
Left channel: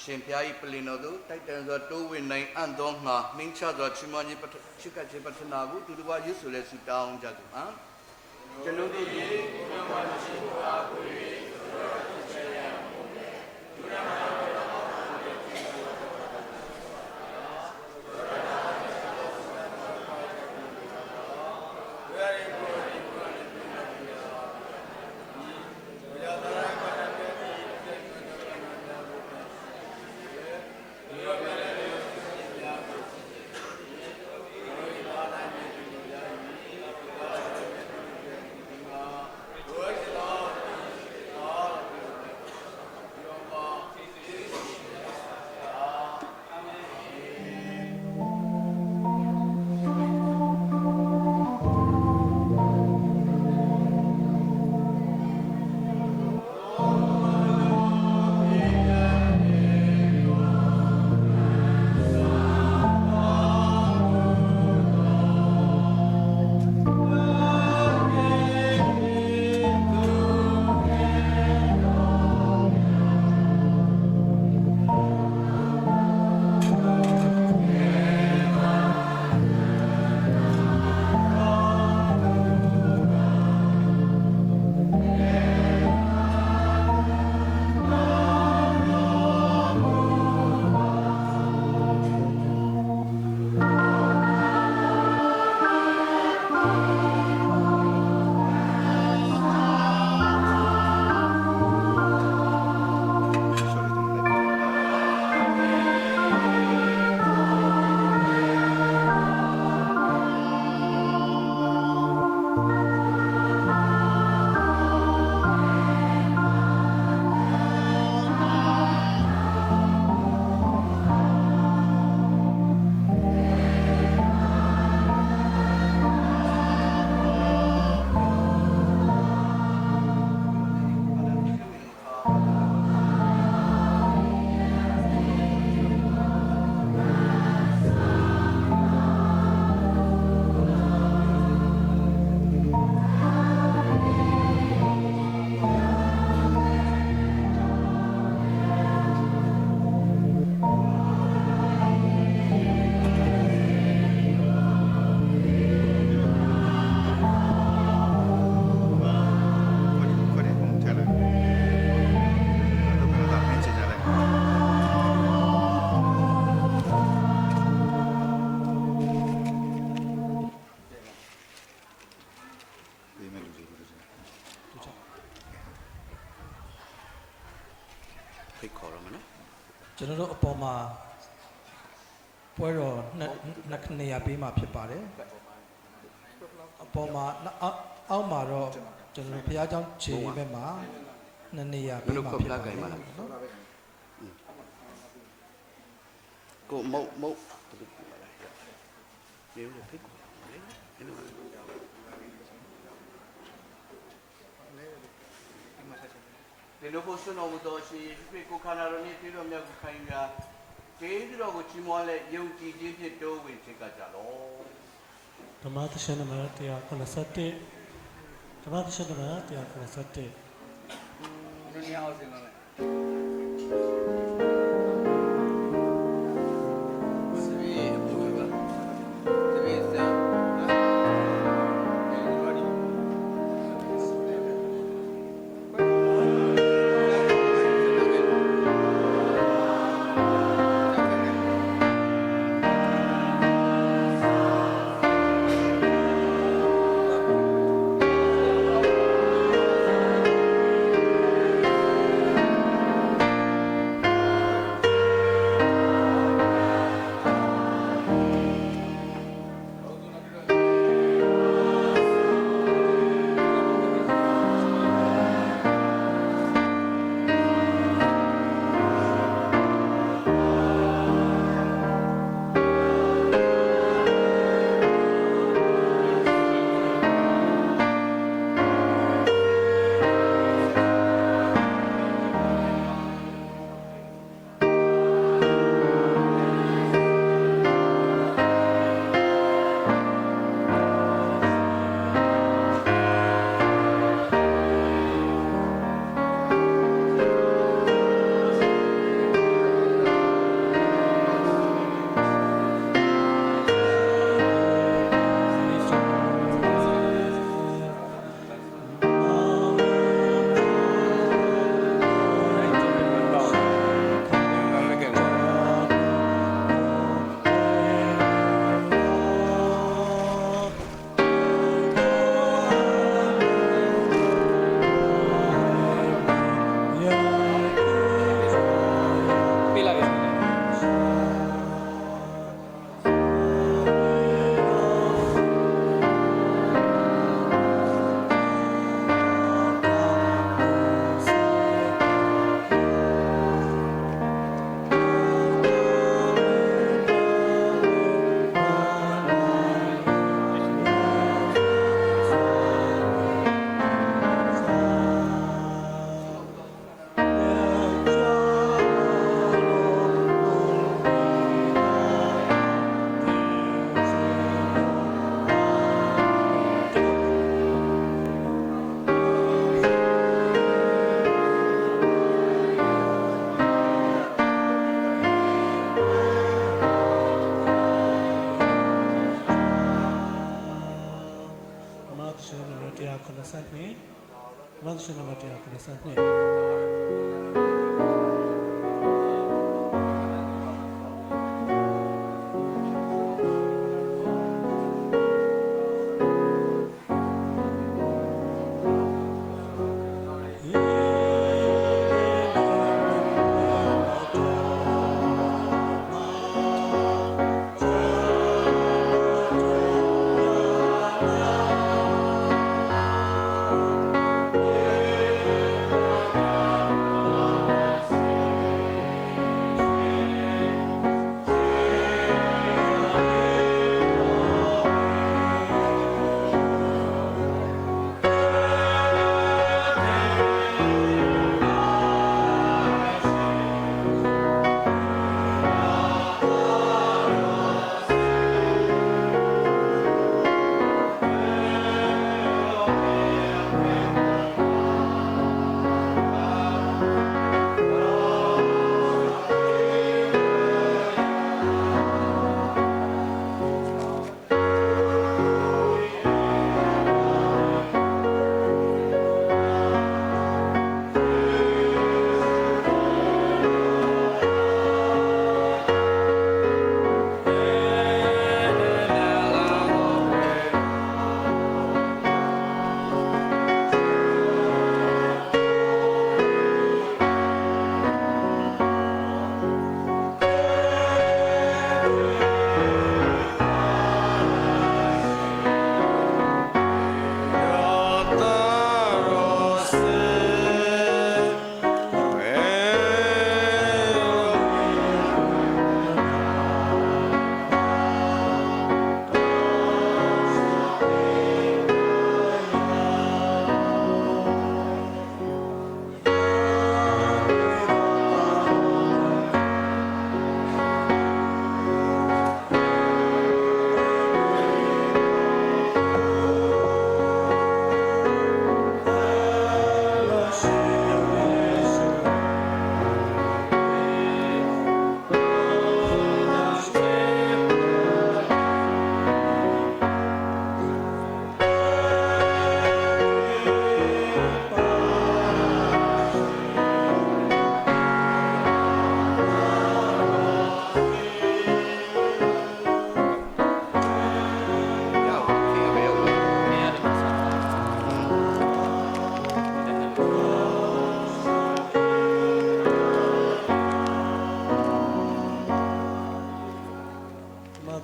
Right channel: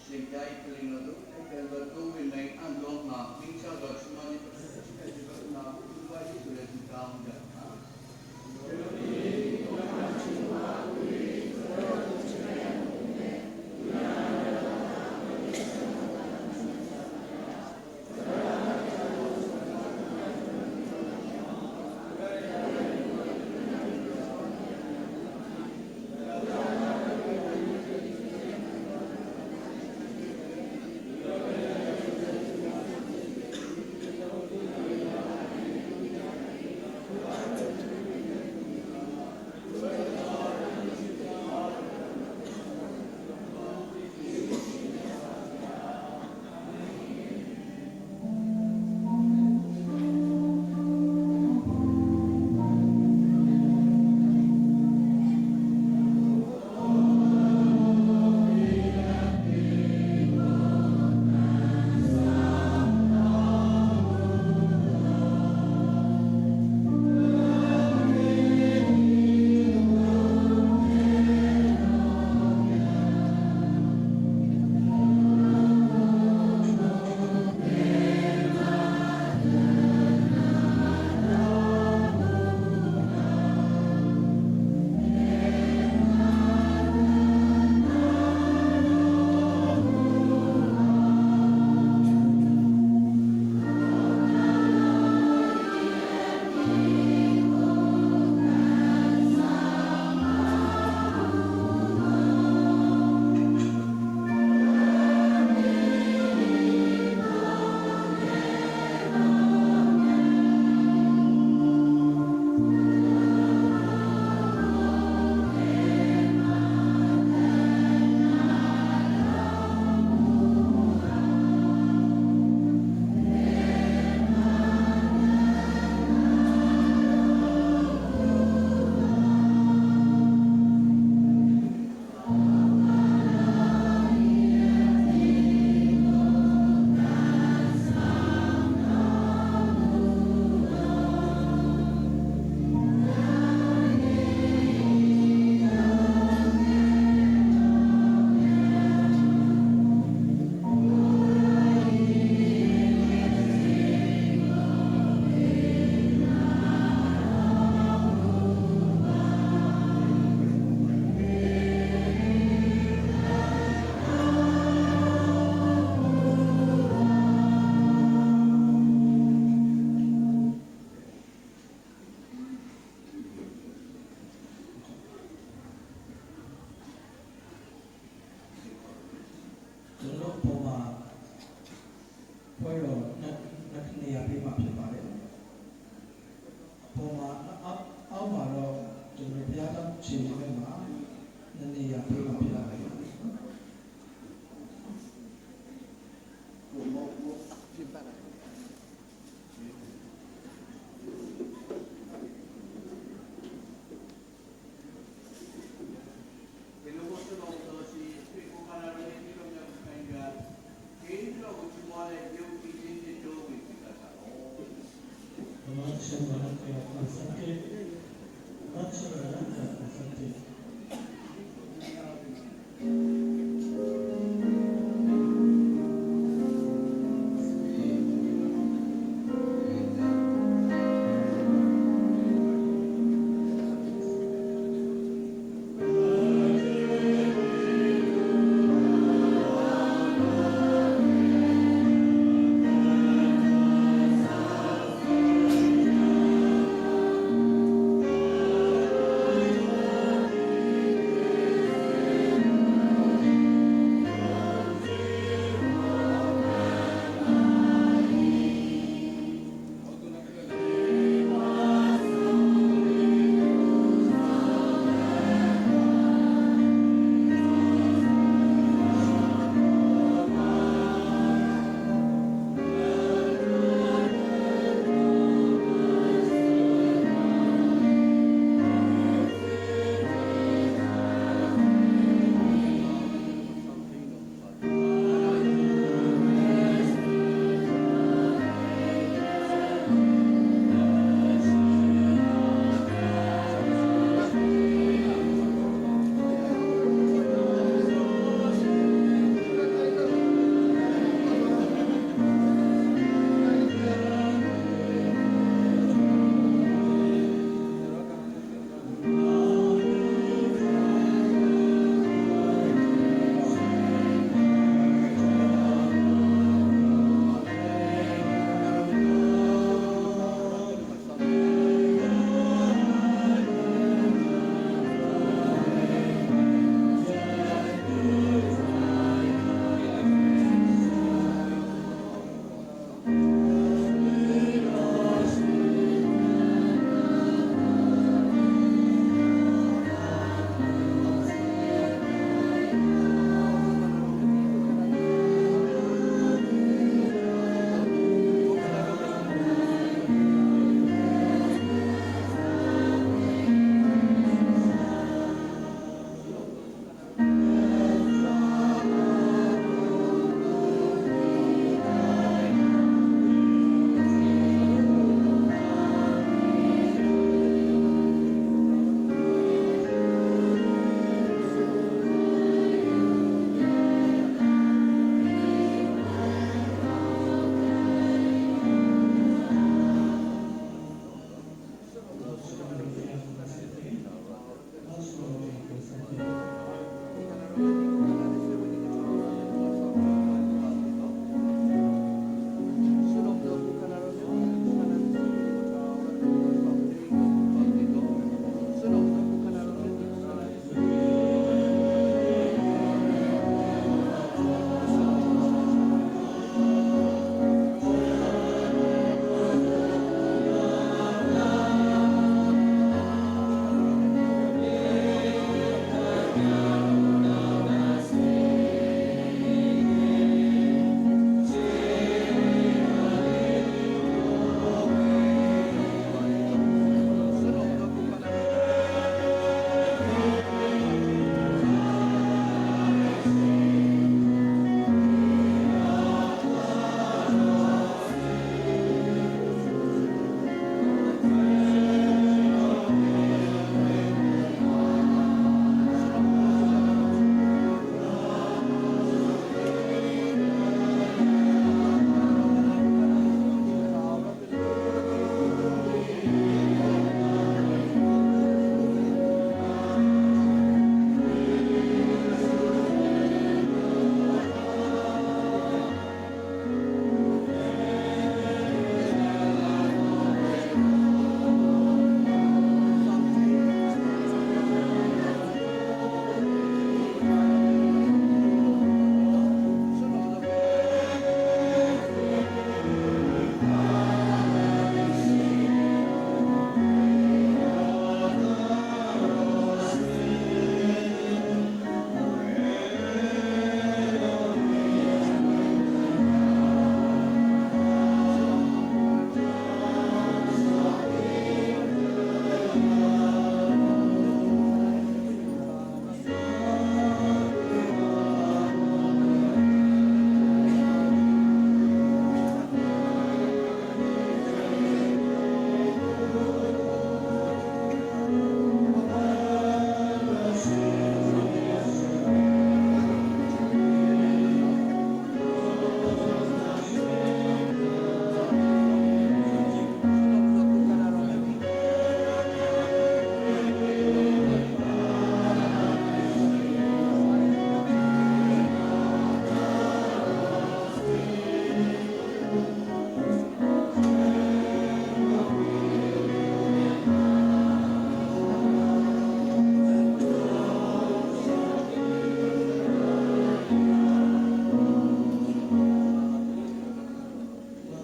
ရှင်ပြာဤပလင်တော်သို့တိုက်တန်စွာတိုးဝင်နိုင်အံ့သောငါနှင်းချစွာချီးမွမ်းခြင်းပထရှိကခြင်းပထနာကိုသူတို့ကယေရှုရဲ့ဆုတောင်းကြပါကျွန်ုပ်တို့၏ဘုရားရှင်ကိုအားကိုး၍သူတို့ကိုချေတဲ့ဘုံနဲ့သူရမကျွန်တော်တို့အပေါ်မှာပွဲတော်နှစ်ခဏရပေးမှာဖြစ်ပါတယ်အပေါ်မှာအောက်မှာတော့ကျွန်တော်ဘုရားကျောင်းခြေဘက်မှာနှစ်နေရာပေးမှာဖြစ်ပါတယ်ကိုမုတ်ဒီလိုကိုစွန့်အောင်တော့ရှိပြေကိုခါနာရနေပြည်တော်မြတ်ခိုင်ကဒေသတော်ကိုချီးမွမ်းလက်ယုံကြည်ခြင်းဖြင့်တိုးဝင်ဖြစ်ကြတော့ဓမ္မသရှင်နံပါတ်181ဓမ္မသရှင်နံပါတ်181 က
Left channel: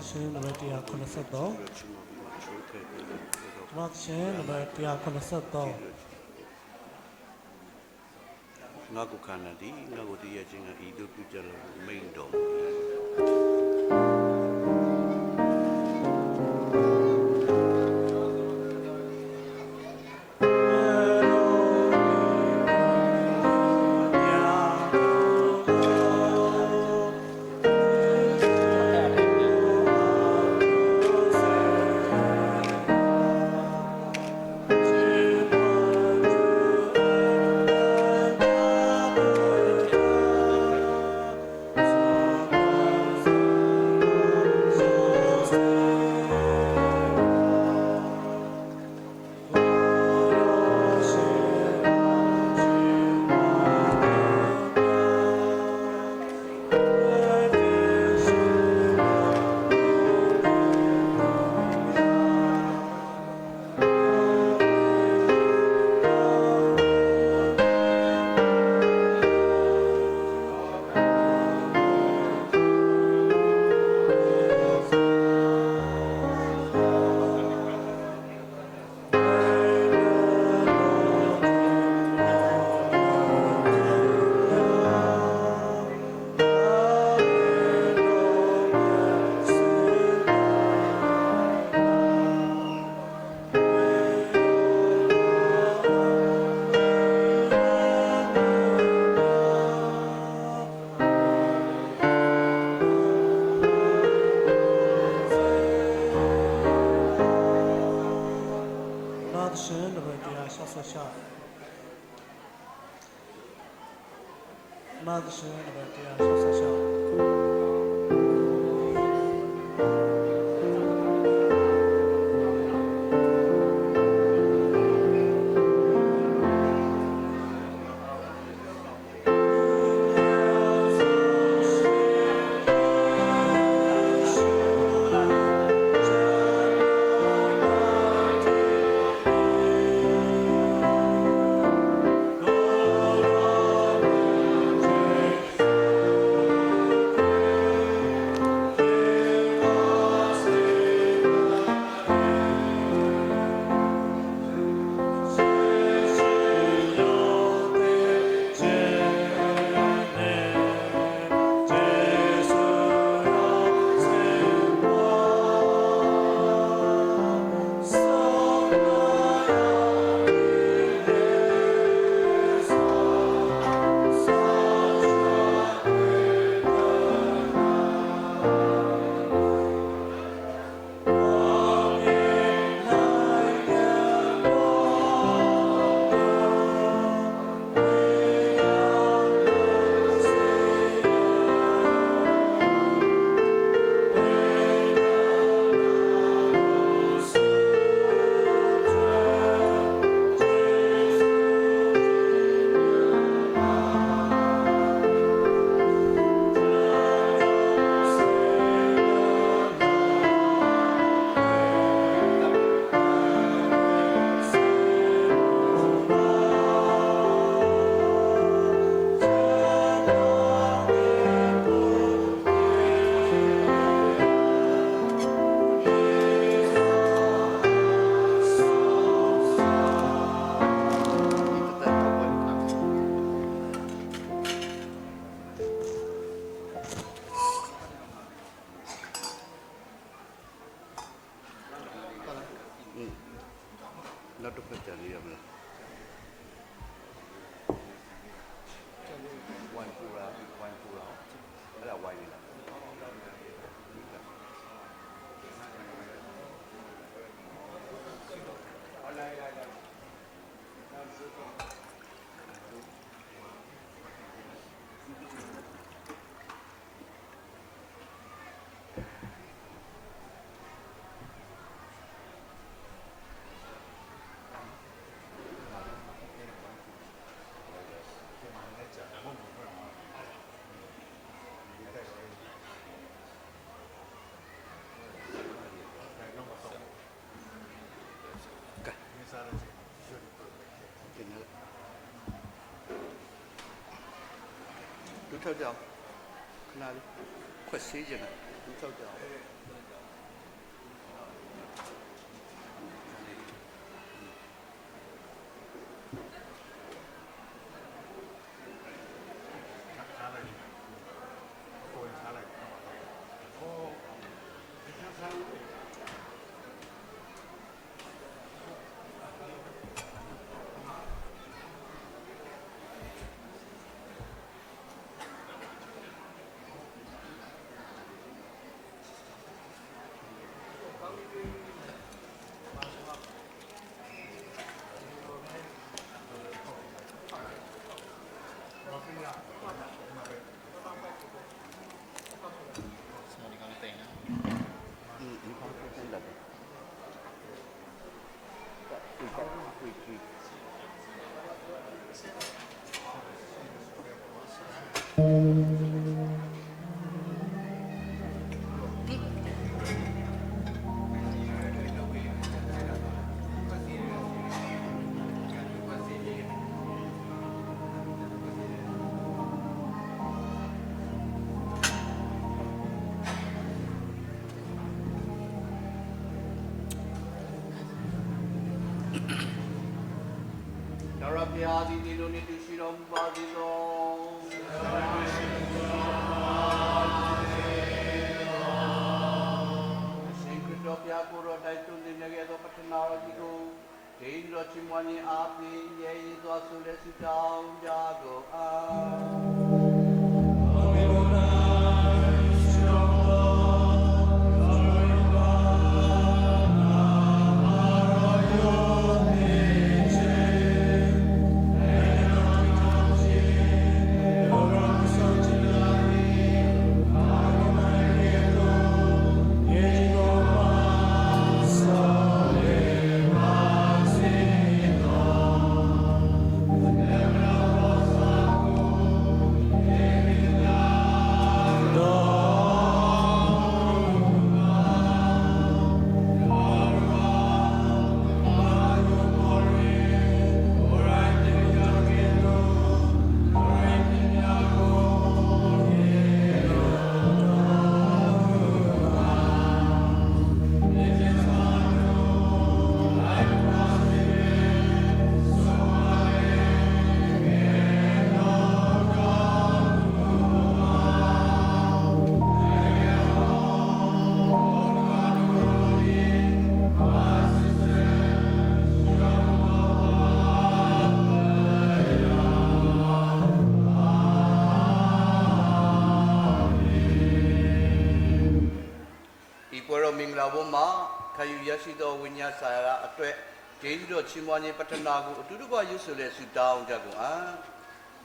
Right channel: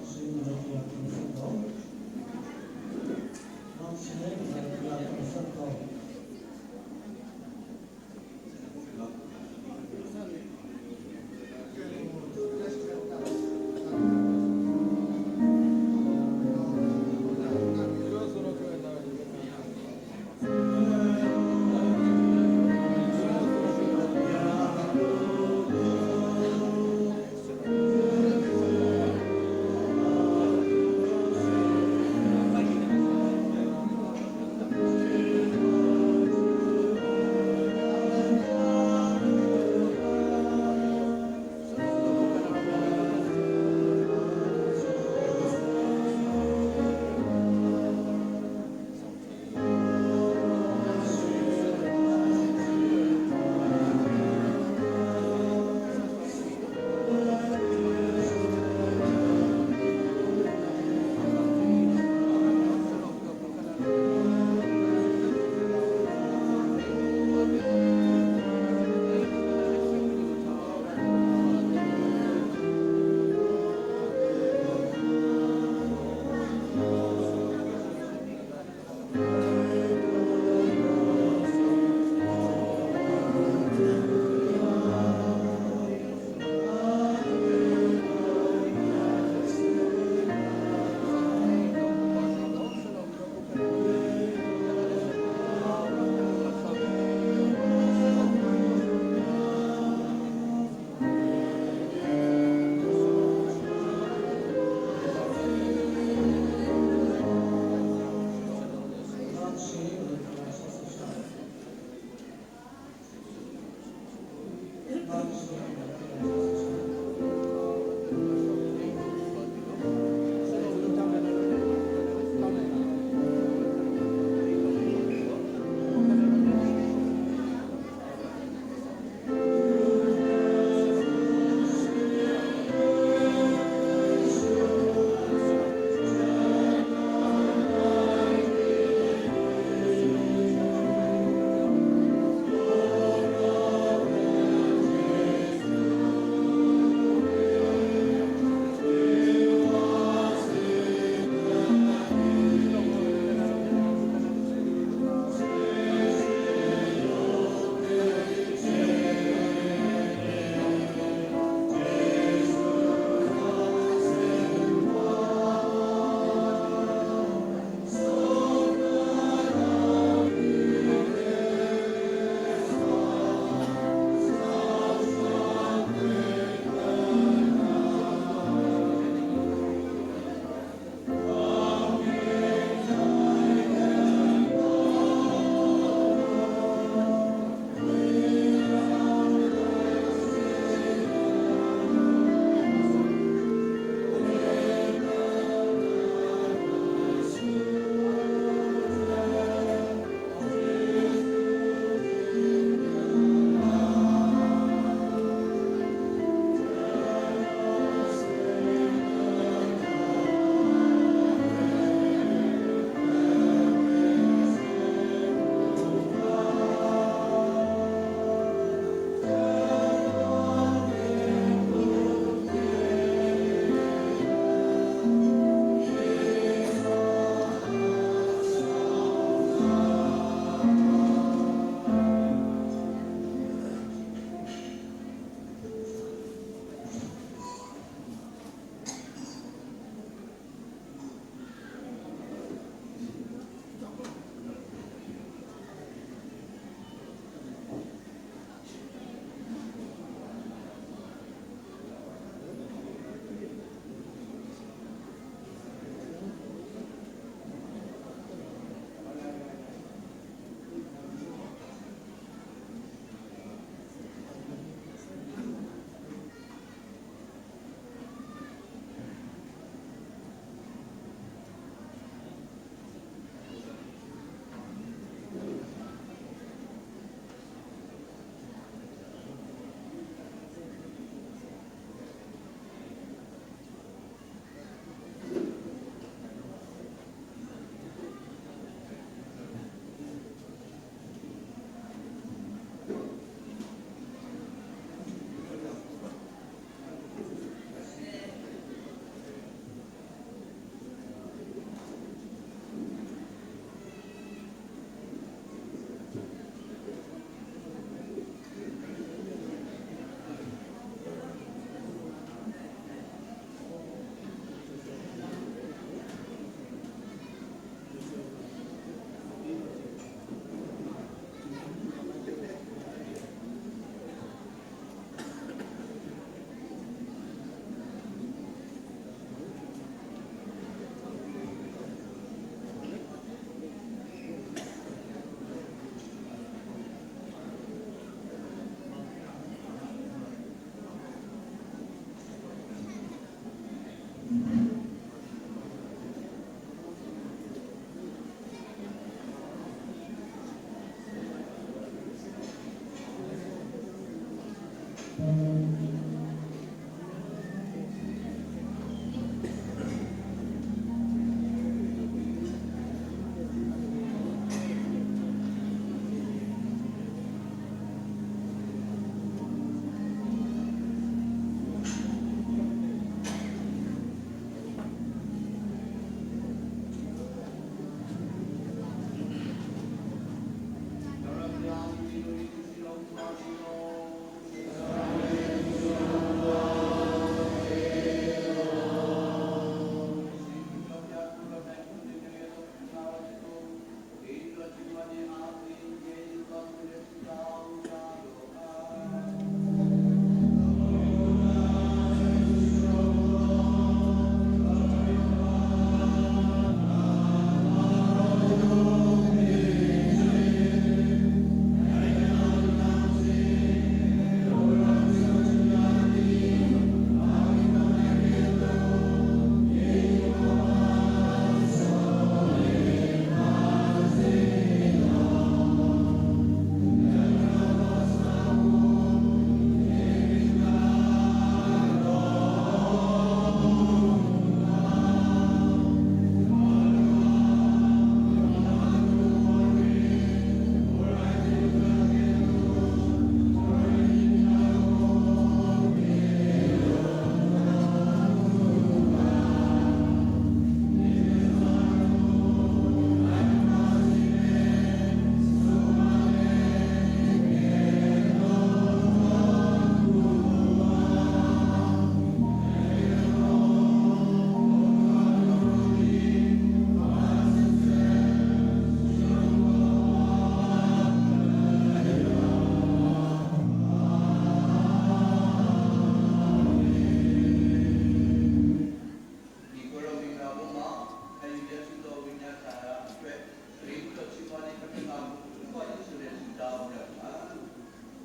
ရှင်နံပါတ်183မတ်ရှင်နံပါတ်183 ငါကုခန္ဓာတိငါကိုတရားခြင်းကဤသို့ပြုကြလို့မိန်တော်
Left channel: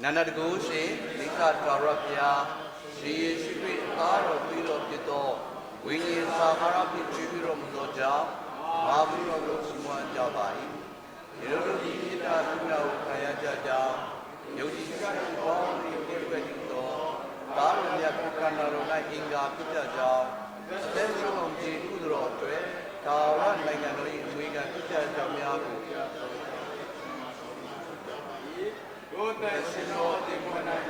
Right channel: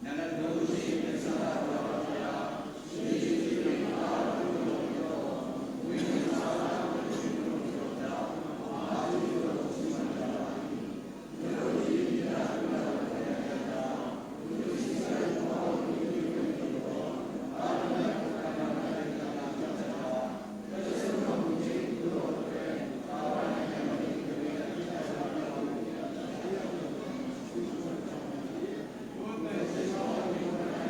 Nana the Ghost, Lika Garapia, she is with Laro Pilo Pito, Winnie Sahara Pipiro Moja, Afro Suman Jabai. Yogi Ita Kayaja, Yogi Pito, Taria Pokana Hinga Pitaja, Central Jiro, Tawa Nagari, Swinga Pitaja. Goodness is all the one I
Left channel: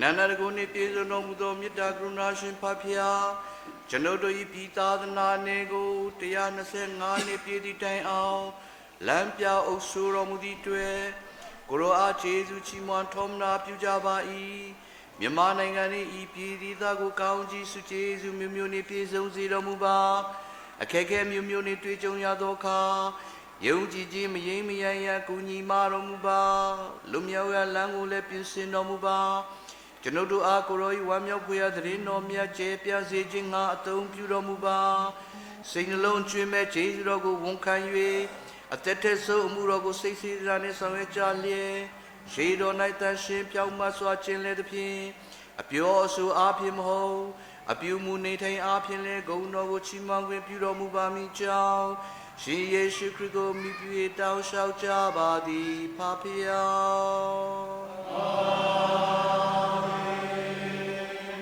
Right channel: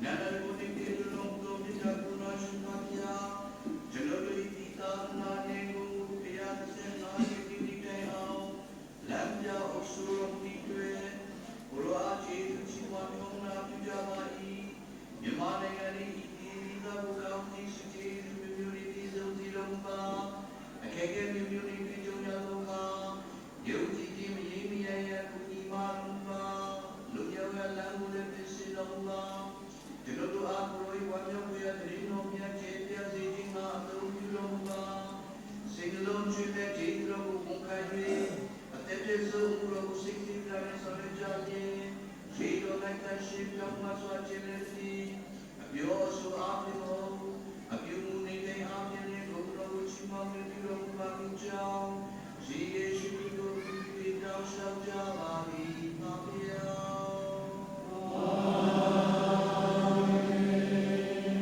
နန္ဒရကိုနေပြေစုံတော်မူသောမေတ္တာကရုဏာရှင်ဖဖျားကျွန်ုပ်တို့၏ပြည်သာသနာနယ်ကို125နှစ်ပြည့်သည့်တိုင်အောင်လမ်းပြအုပ်ဆိုးတော်မူသည့်တွေ့ကိုရောအားကျေးဇူးချီးမွမ်းထောမနာပြုကြပါ၏မြန်မာနိုင်ငံ၏ဤပြည်သီးသားကိုကောင်းကြီးဆုကျေးဇူးမျိုးမျိုးနှင့်ပြည့်စုံစေတော်မူပါအခက်အခဲမျိုးမျိုးနှင့်တွေ့ကြုံရသောအခါယုံကြည်ခြင်းမယိမ်းမယိုင်ရကူညီမတော်မူပါလူမြောက်ရလမ်းကိုလည်းပြင်ဆင်တော်မူပါကျွန်ုပ်တို့အားကိုရောဤဝမ်းမြောက်ဖွယ်ရာသတင်းတော်မြတ်ကျဲပြစေခြင်းငါအသုံးပြုတော်မူပါစိတ်နှလုံးကျွမ်းမဲ့ကျေးဇူးတော်ကိုဝန်ခံ၍အသက်ထက်ဆုံးအမှုတော်ကိုစိတ်စီရာနှင့်ဆောင်ရွက်ကြလျက်ရှေးတော်၌တန်ရှင်းပြောင်းမစွာခြင်းလည်းသဖြင့်အပြောအဆိုအားဖြင့်မဟုတ်အပြုမူနေထိုင်အားဖြင့်လည်းဂုဏ်တော်ကိုချီးမွမ်းခွင့်ပြုတော်မူပါမည်ကြောင်းရှင်ယေရှုခရစ်ကိုမိပြု၍တောင်းလျှောက်ကြပါသည်ဖဖျား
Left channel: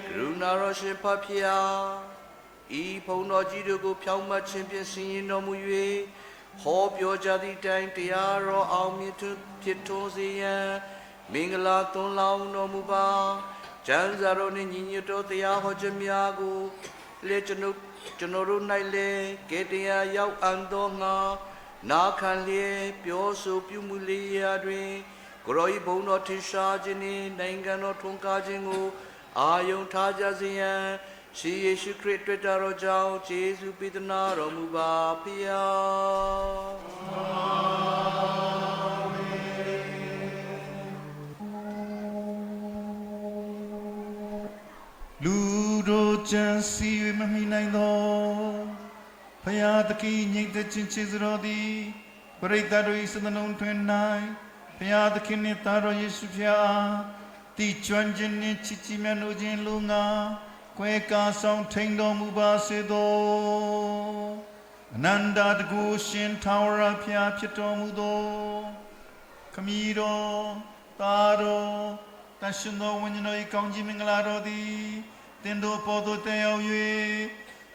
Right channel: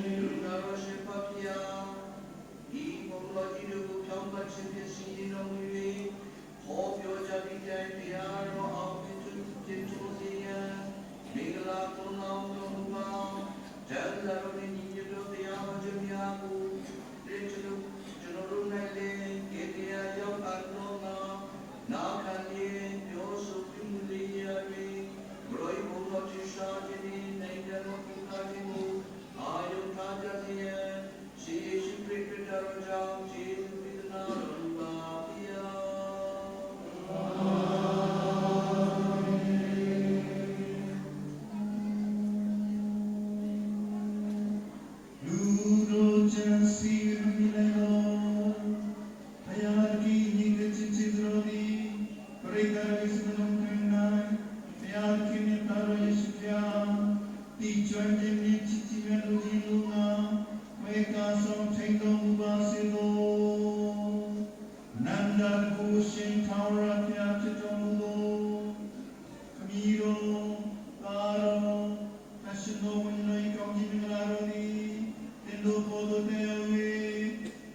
ကရုဏာတော်ရှင်ဖဖျားဤဘုံတော်ကြီးတို့ကိုဖြောင့်မတ်ခြင်းဖြင့်ဆင်ရင်တော်မူ၍ဟောပြောကြသည့်တိုင်တရားတော်အောင်မြင်ဖြစ်ထွန်းစေရန်မင်္ဂလာသွန်လောင်းတော်မူပါကျမ်းစာတော်နှင့်ညီညွတ်သောတရားဟောခြင်းများကိုလက်ကျွန်ုပ်တို့၌လည်းကဲတရားရောက်အံ့သောငါနာခံလျက်ပြောဆိုပြုမှုလျက်တွင်ကိုရောဤဘုံတော်ထင်ရှားခြင်းနှင့်နိုင်ငံတော်ထွန်းကားခြင်းကိုအာယုံထားကြစေရန်ရှင်ယေရှုခရစ်တွေ့တော်ကြောင့်ယေရှုပိသနာတော်မူပါဖျားလူတို့ကြံစီမမိနိုင်သောဖယားသခင်ငြိမ်သက်ခြင်းချစ်တော်သည်ပရိသတ်တို့၏စသလုံးတွင်၌ဖယားသခင်နှင့်သားတော်ယေရှုဖျားတည်ကျွမ်းခြင်းနှင့်ချစ်ချီးမြတ်နိုးခြင်းလူငါကွယ်ကာဆောင်ထိန်တော်မူပါစေသောအနန္တတကုရှင်ထာဝရဖျားဖြစ်တော်မူသောခမည်းတော်သားတော်တန်ရှင်သောဝိညာဉ်တော်၏ကောင်းကြီးမင်္ဂလာတော်သည်တင်တို့ပေါ်သို့တက်ရောက်၍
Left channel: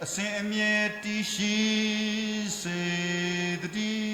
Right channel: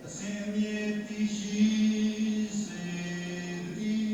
အစဉ်အမြဲတည်ရှိစေတည်း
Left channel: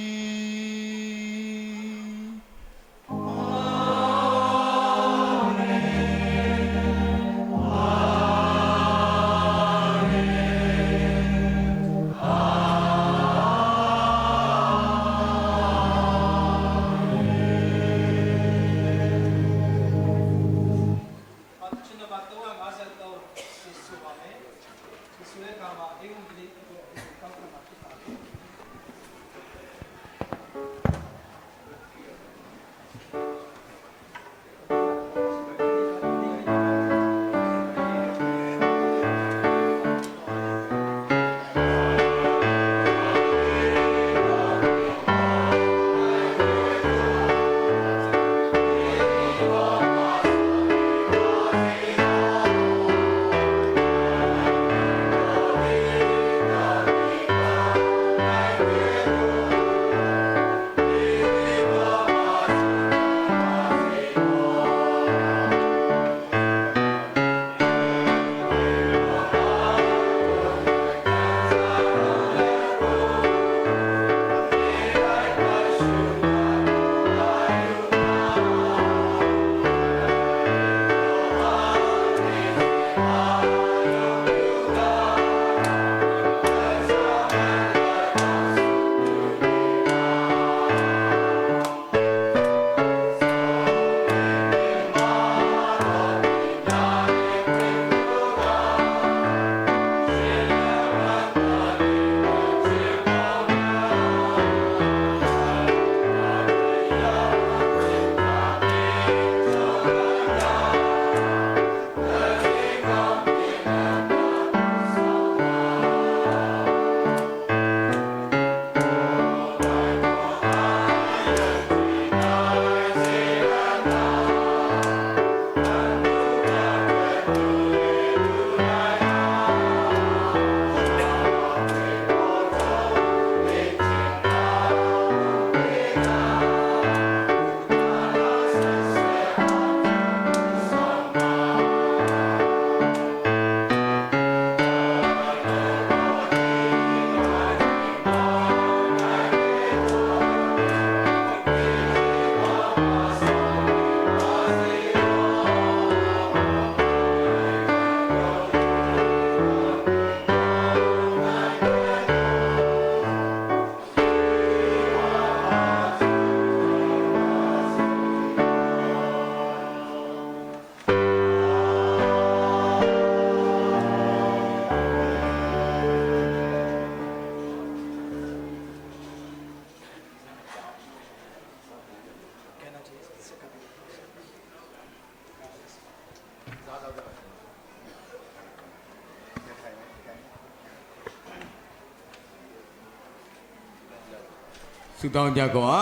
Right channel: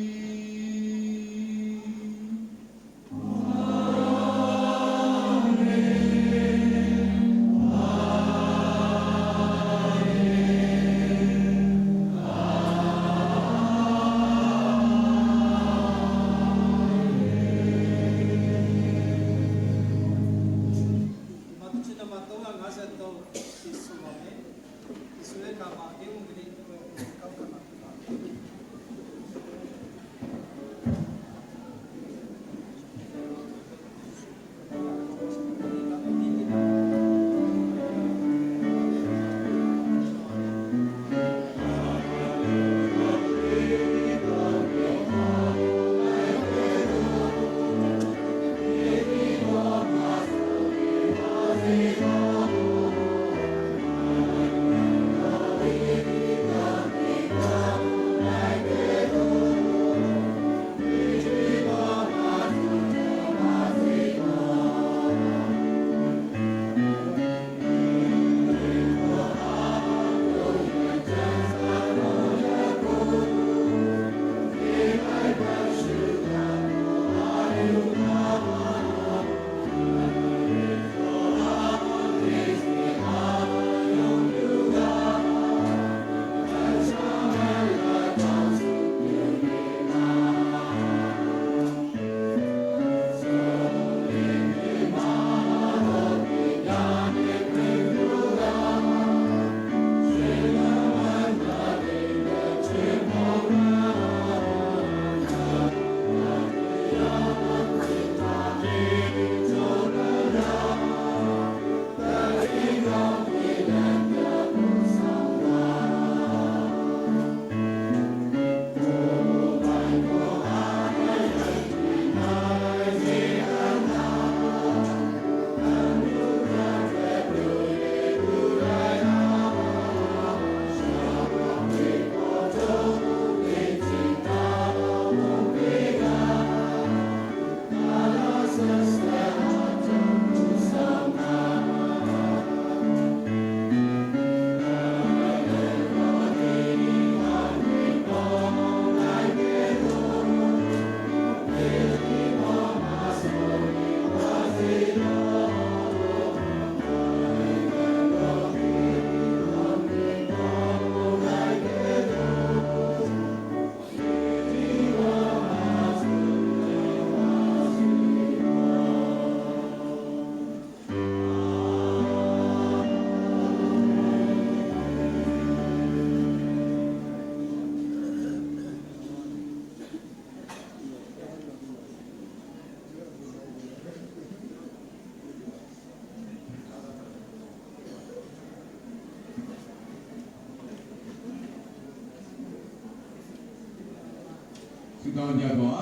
ဆုတောင်းကြကော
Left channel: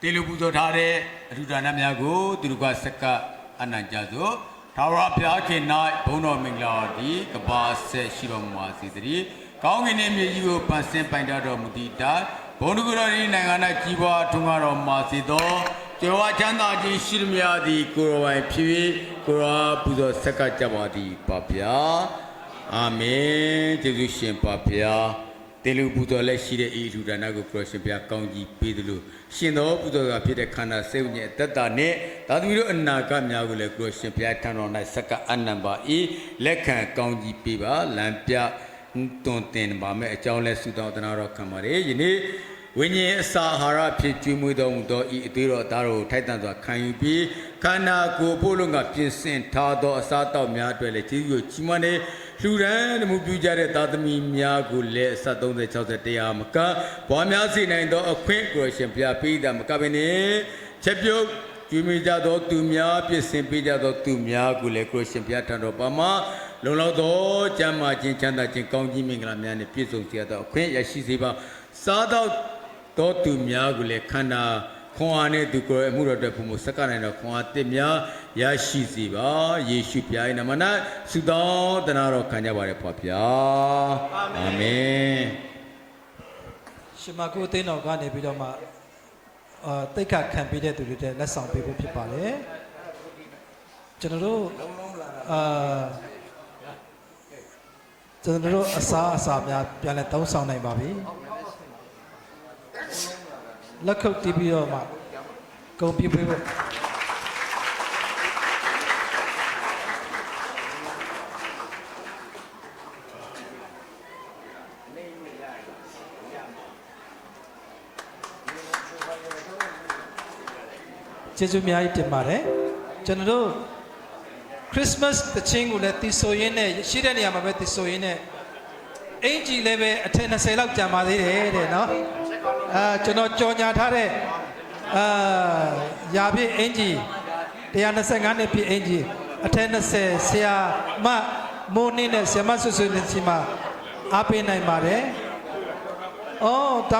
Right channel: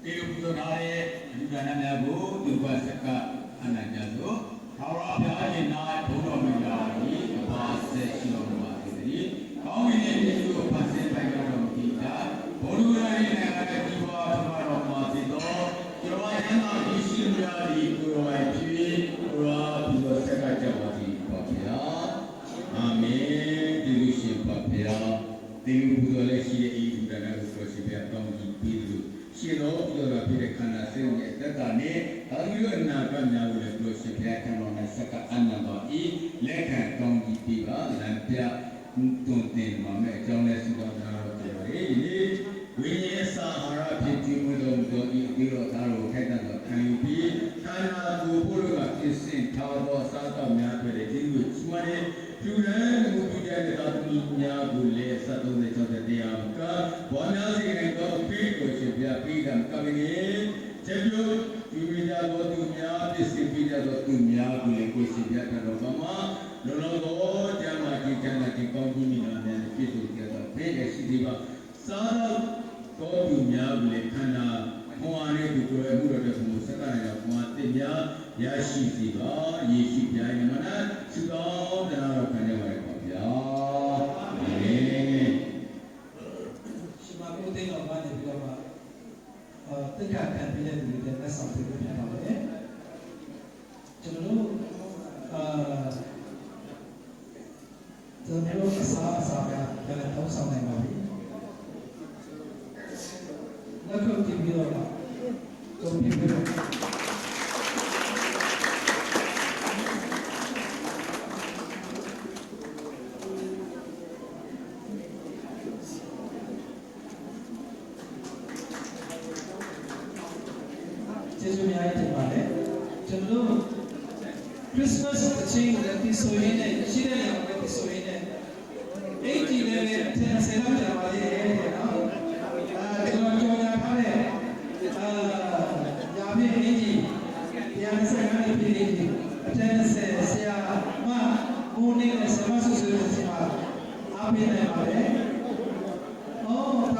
တေလူပူဇော်ထားတဲ့အထူးဒါနများကိုသူတို့ကစက္ကအနံ့ကြသို့ထာဝရဘုရားခင်၌ဘုန်းတော်မင်္ဂလာသည်ကဘာဆက်ရှိတော်မူပါစေတည်းကောင်းကင်နှင့်မြေကြီးကိုပန်းစင်ပိုင်တော်မူသည့်တိုင်ဘုန်းတော်၏နိုင်ငံ၌ကြီးပွားထွန်းကားတော်မူစေသောကျော်ဝါချမ်းသာခြင်းရှိသမျှသည်ကိုယ်တော်ပိုင်ဖြစ်၍ကိုယ်တော်ပူဇော်ဆက်ကကြပါသည်ပါဗျာအာမင်ကျေးဇူးရှင်ပါဗျာတေလူပူဇော်လက်ရှိတဲ့ဤလူဒါနကိုခရစ်ရှင်ဘုရားကောင်းကြီးပေးသလိုရှင်တော်ပူဇော်ကဖြစ်တဲ့ခန္ဓာစိတ်ဝိညာဉ်အတ္တနဲ့သာသမီတို့အနာဂတ်များကိုလည်းခရစ်ရှင်ဘုရားထံတော်၌စက္ကအနံပါဤလက်ခံကောင်းကြီးပေးပါလမ်းပြတွင်တင်ပါမယ်အကြောင်းလဲဆုတောင်းတနာတော်ခံပါရယနေ့ဝိညာဉ်အစာအာဟာရဖြစ်ကျွေးမွေးတော်မူသောဤအသေးတော်သားတော်ထိုက်တန်စွာခံယူပြီးခန္ဓာကိုယ်ဖို့လုံးကပြင်ဆင်ထားသောအစာတောက်များအတွက်လည်းကျေးဇူးကြီးမွန်တဲ့လူရန်မှုပြုကြတဲ့သာသမီများကိုလည်းအစ30 60တရားမကဘွားများစေနိုင်သောအခွင့်ကိုရှင်ဘုရားပေးတာမကဘဲနဲ့ချက်ပြုတ်ကျွေးမွေးကြသောသူများပြင်ဆင်ပေးကြသောသူများကိုလည်းကိုရှင်ဘုရားထံတော်ပါမှာလုံလောက်သောကျမ်းမာခြင်းချမ်းသာခြင်းကောင်းကြီးမင်္ဂလာများနဲ့ပြည့်စုံစေသောအခွင့်ရရှိစေပါစားသောသူများကိုလည်းခန္ဓာခွန်အားနဲ့သူကိုယ်အမှုတော်အတွက်ဘုံကိုစက္ကနိုင်တော်ခွန်အားတစ်များရရှိစေပါယေရှုပြား၏နာမ၌ဆုတောင်းတနာတော်ခံကြပါရပါဗျာအာမင်ရှင်မကိုအသိတော်ကနေပြီးတော့မှတိတ်ခါခံပေးတဲ့သူတွေတဲ့လက်ဆောင်ပေးဖို့ဖြစ်ပါတယ်ကျွန်တော်တို့အစားများပြန်လဲတောင်းဆောင်နိုင်ပါပြီလက်ခုပ်တီးပြီးတော့မှဂုဏ်ပြုပေးဖို့ကျေးဇူးများကြီးတင်ပါတယ်ကျွန်တော်တို့ခရစ်စမတ်တခြင်းကိုလည်းတည်ဆိုရင်းနဲ့ရှိတဲ့နေရာမှာပဲတည်ဆိုရင်းနဲ့အင်ဂျီလည်းပဲအထက်20လောက်ကျန်ပါသေးတယ်တဲ့နော်ကျွန်တော်ကြော်ညာထားတဲ့ရာပြည့်အင်ဂျီ125နှစ်ပြည့်အင်ဂျီအထက်20ဆရာမမိုးနေနဲ့ဆရာမဆွဆွနဲ့စီမအားပေးနိုင်ပါတယ်။အော်တောင်